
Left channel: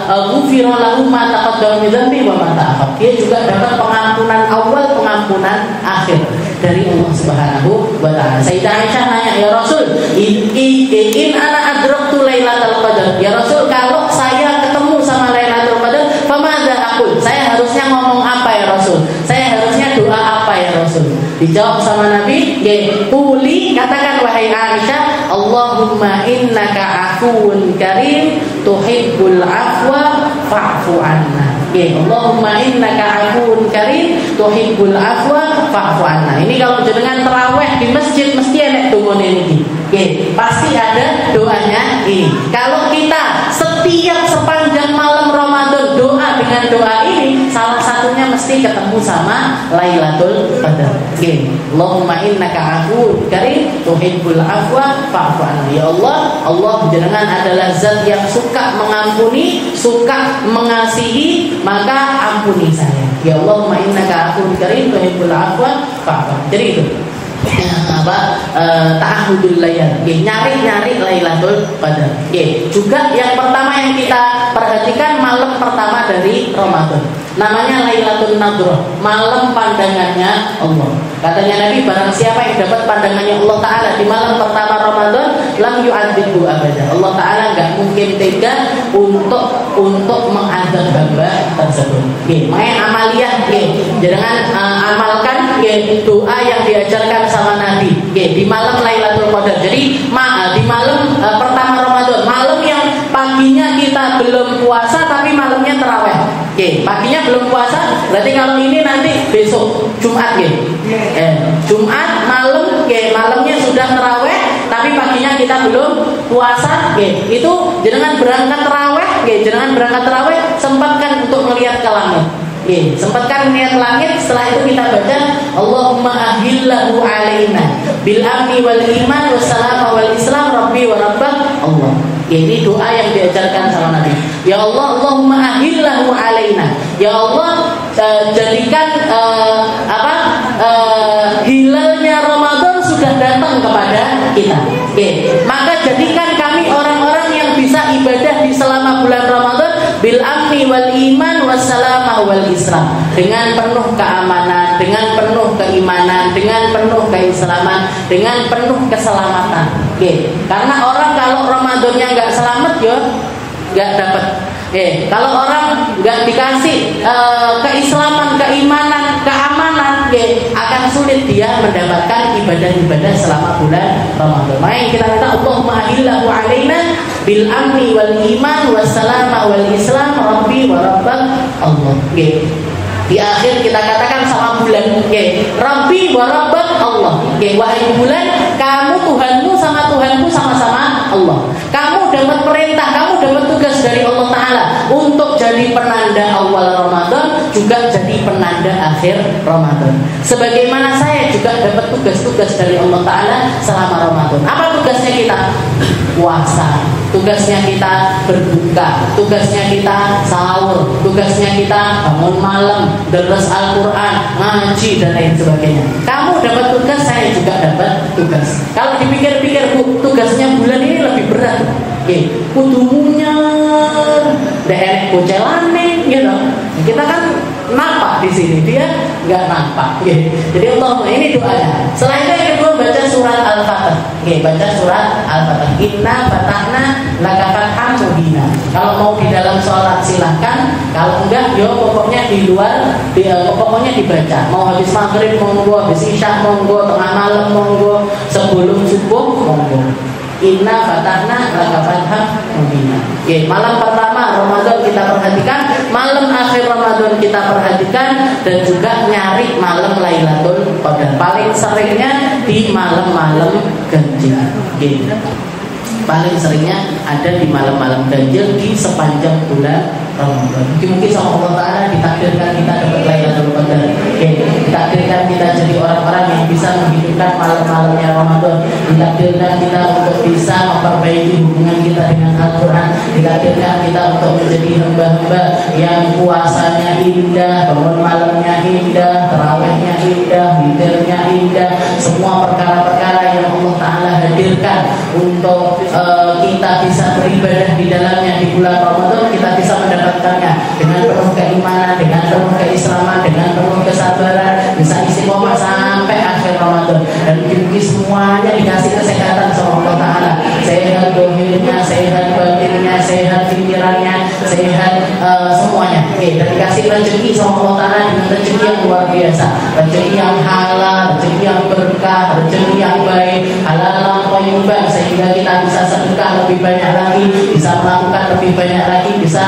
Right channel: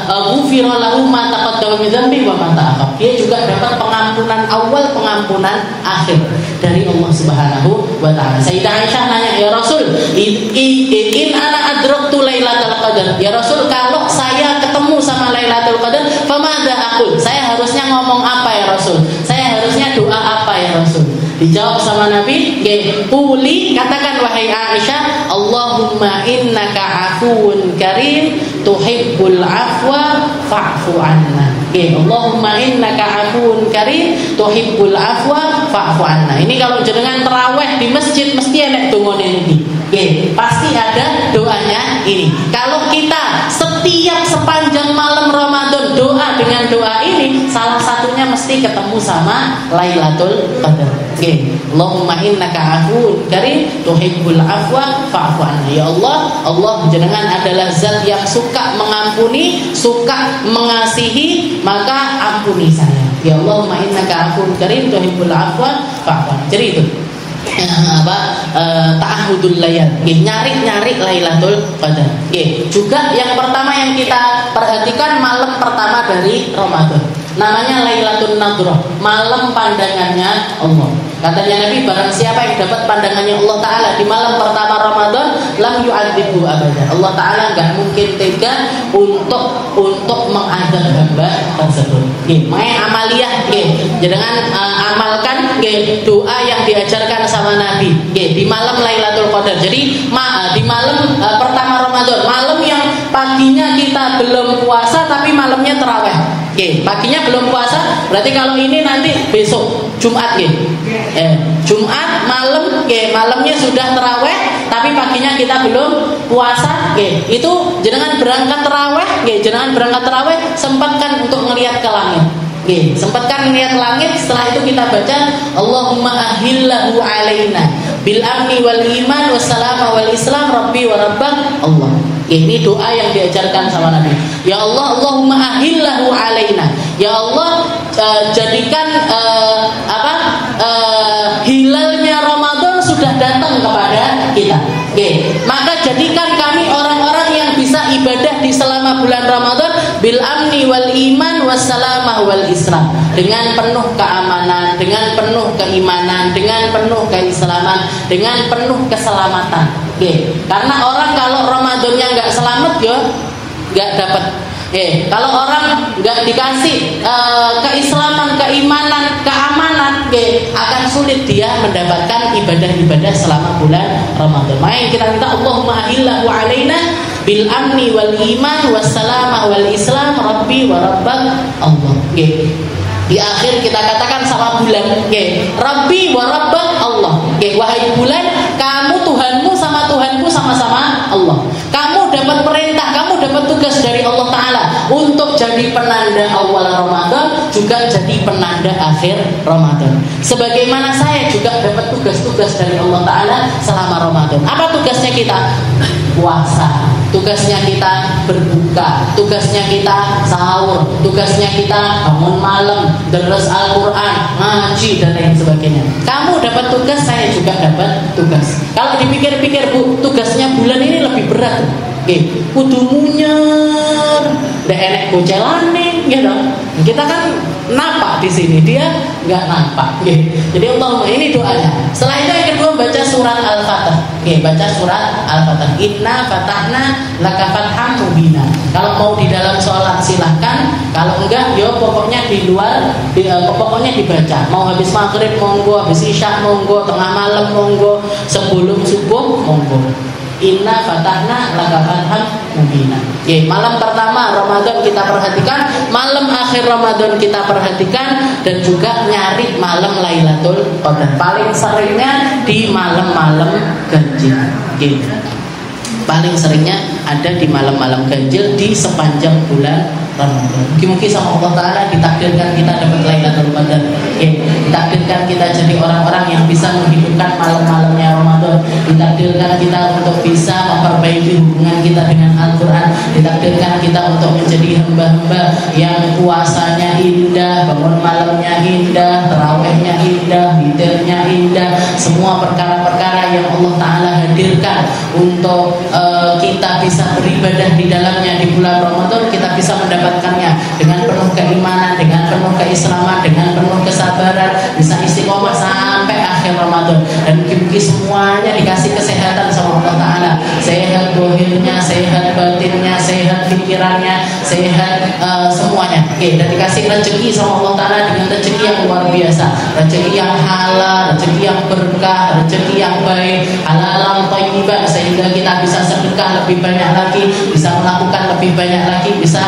ghufira lahu ma taqaddama min dzambi wa ma ta'akhkhar. Dia juga dapat pengampunan awal, pengampunan akhir dari Allah Subhanahu wa taala. Sayyidah Aisyah nanya, "Ya Rasul, in ana adraktu Lailatul Qadar." Ya Rasul, kalau saya ketemu sama Lailatul Qadar, famadza aqul? Saya harusnya ngomong apa ya Rasul? Saya harusnya doa apa ya Rasul? Dijawab sama Nabi, "Quli," katakan wahai Aisyah, "Allahumma innaka afuwun karim tuhibbul afwa fa'fu anna." Allahumma innaka afuwun karim tuhibbul afwa fa'fu anna. Ini kalau jenengan tarawih di masjid mesti enek dongane iki. Pasti ada doanya ini. Kalau kita setiap sepanjang malam Ramadan doa dengan doa ini, salah satunya mesti ketemu sama Lailatul Qadar. Allahumma innaka afuwun karim tuhibbul afwa fa'fu anna. Ya Allah, Allah jenengan adalah zat yang suka mengampuni, suka mengasihi, maka ampuni saya. Ya Allahumma innaka afuwun karim tuhibbul afwa fa'fu anna. Jadi itu ta'ahudul layal, nyari Lailatul Qadar. Juga yang pertama yang kita perhatikan malam pertama dari Ramadan, namanya Lailatul Nadrah, malam pandangannya Allah. Katanya Nabi, barang siapa yang dapat pandangannya Allah Ta'ala di malam pertama Ramadan, lam yu'adzibhu abada. Allah Ta'ala gak mungkin tega untuk mengadab hamba tersebut. Makanya amaliyah, jangan amalkan doa yang diajarkan sama Nabi di malam Lailatul Qadar. Jadi di malam pertama Ramadan, malam yang paginya kita belum puasa tapi malamnya tarawih. Paginya belum puasa, berarti kalau ini nanti besok Jumat Jumat malam, malamnya sudah tarawih tapi paginya kita belum puasa. Itu jenengan berangkat tarawih, sempatkan untuk melihat ke langit. Sempatkan melihat langit. Setelah itu kita baca Allahumma ahillahu alaina bil amni wal iman wassalam wal islam rabbi wa rabbak Allah. Ini doa yang diajarkan sama Nabi. Ya Allah, Allahumma ahillahu alaina. Ya Allah, jadikan hilalnya Ramadan sudah datang kepada kita. Maka jadikan kami orang-orang yang bisa ibadah di selama bulan Ramadan bil amni wal iman wassalamah wal islam, dengan penuh keamanan, dengan penuh keimanan, dengan penuh keislaman, dengan penuh keselamatan. Karena orang kalau Ramadannya nggak selamat nggak dapat. Kalau orang nggak dikasih keislaman, keimanan, keamanan, akan sulit dia mendapatkan ibadah-ibadah selama bulan Ramadan. Maka kita minta Allahumma ahillahu alaina bil amni wal iman wassalamah wal islam rabbi wa rabbak Allah. Di akhir kita katakan sama bulan, rabbi wa rabbak Allah. Wahai bulan, kamu Tuhanmu sama Tuhanku sama-sama Allah. Kamu dapat perintah, kamu dapat tugas dari Allah Ta'ala untuk jadi penanda awal Ramadan, juga jadi penanda akhir Ramadan. Sebagaimana saya juga dapat tugas-tugas dari Allah Ta'ala selama Ramadan. Apa tugasnya kita? Puasa. Tugasnya kita berbuka, tugasnya kita sahur, tugasnya kita bangun malam, deres Al-Quran, ngaji dan lain sebagainya. Kamu kamu dapat tugas, saya juga dapat tugas. Kalau dipikir-pikir Bu, tugasnya bulan ini lebih berat. Kudu munyer, ndak enek bocelane, gitu. Kita kan nampak di sini, dia nggak nampak. Jadi Allah ini doanya. Setelah itu yang kedua baca surat Al-Fatihah. Baca surat Al-Fatihah. Inna fatahna laka fatham mubina. Kalau mau di dalam sholat silahkan. Kalau enggak, yo pokoknya di luar, pokoknya dibaca. Mau habis maghrib monggo, habis isya monggo, tengah malam monggo, sebelum subuh monggo. Inna fatahna laka fatham mubina. Malam pertama Ramadan kita perhatikan, malam akhir Ramadan kita perhatikan, dan juga nyari malam Lailatul Qadar. Paling seringnya di malam-malam ganjil. Paling seringnya ada di malam-malam ganjil di sepanjang bulan Ramadan. Mungkin sama Allah Ta'ala ditakdirkan kita dapat Lailatul Qadar. Ditakdirkan kita jadi orang-orang yang bisa menghidupkan malam-malamnya Ramadan. Ditakdirkan kita untuk bisa memperbaiki hubungan kita dengan Al-Quran. Ditakdirkan kita untuk menjadi hamba-hamba yang puasanya indah, bangun malamnya indah, tarawihnya indah, witirnya indah. Semua perkara-perkara yang Allah Ta'ala hadirkan untuk kita bisa beribadah di dalamnya di bulan Ramadan, kita bisa mendapatkannya dengan penuh keimanan, dengan penuh keislaman, dengan penuh kesabaran, bisa istiqomah sampai akhir Ramadan. Dan mungkin semuanya dikasih kesehatan sama Allah Ta'ala, sehat dohirnya, sehat batinnya, sehat pikirannya, sehat semuanya. Dan dikasih rezeki sama Allah Ta'ala dengan rezeki yang luar biasa, rezeki yang halal, rezeki yang berkah, rezeki yang baik, halal yang thayyibah, sehingga kita bisa sedekah lebih banyak lagi, bisa melakukan lebih banyak lagi, bisa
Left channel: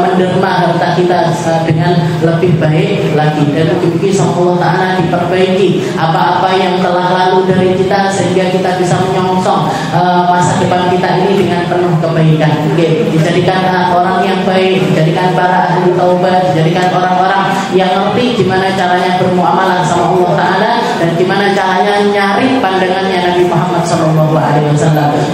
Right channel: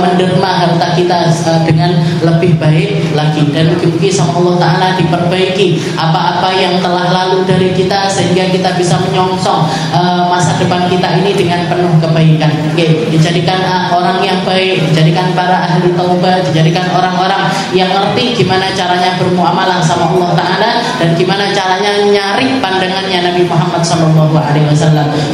menderma harta kita dengan lebih baik lagi. Dan mungkin sama Allah Ta'ala diperbaiki apa-apa yang telah lalu dari kita, sehingga kita bisa menyongsong masa depan kita ini dengan penuh kebaikan. Dijadikan orang yang baik, dijadikan para ahli taubat, dijadikan orang-orang yang ngerti gimana caranya bermuamalah sama Allah Ta'ala, dan gimana caranya nyari pandangannya Nabi Muhammad SAW.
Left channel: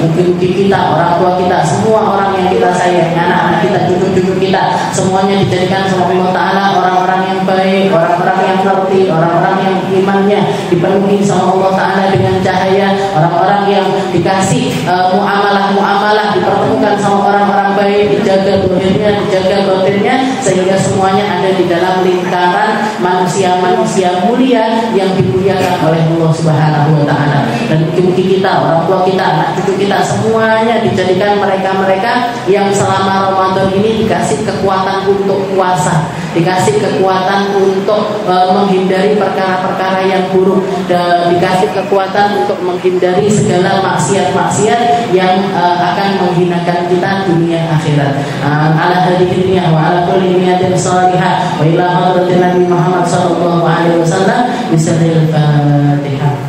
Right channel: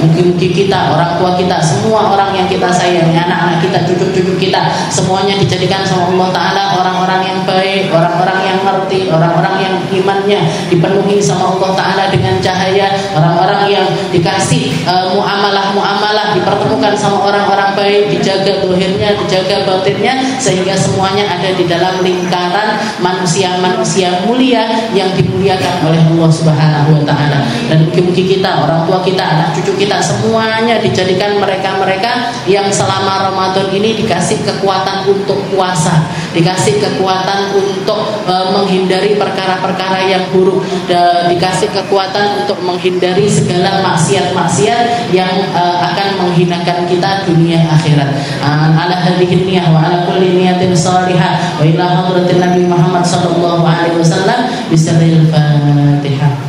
Mungkin kita, orang tua kita, semua orang yang kita sayangi, anak-anak kita, cucu-cucu kita, semuanya dijadikan sama Allah Ta'ala orang-orang yang baik, orang-orang yang ngerti, orang-orang yang imannya dipenuhi sama Allah Ta'ala dengan cahaya, orang-orang yang dikasih muamalah-muamalah, dipertemukan sama orang-orang baik, dijaga lahirnya, dijaga batinnya, sehingga semuanya ada di dalam lingkaran manusia-manusia mulia yang dimuliakan oleh Allah Subhanahu wa Ta'ala. Dan mungkin kita, orang tua kita, anak cucu kita, semuanya dijadikan mereka-mereka yang selama Ramadan ini dikasih kekuatan untuk puasa, dikasih kekuatan untuk menghindari perkara-perkara yang buruk, dan dikasih kekuatan untuk menghindari segala maksiat-maksiat yang akan menghinakan kita dunia akhirat. Ala hadhihi niyah wa ala kulli niyatin salihah wa ila hadratin Nabi Muhammad sallallahu alaihi wasallam. Bismillahirrahmanirrahim.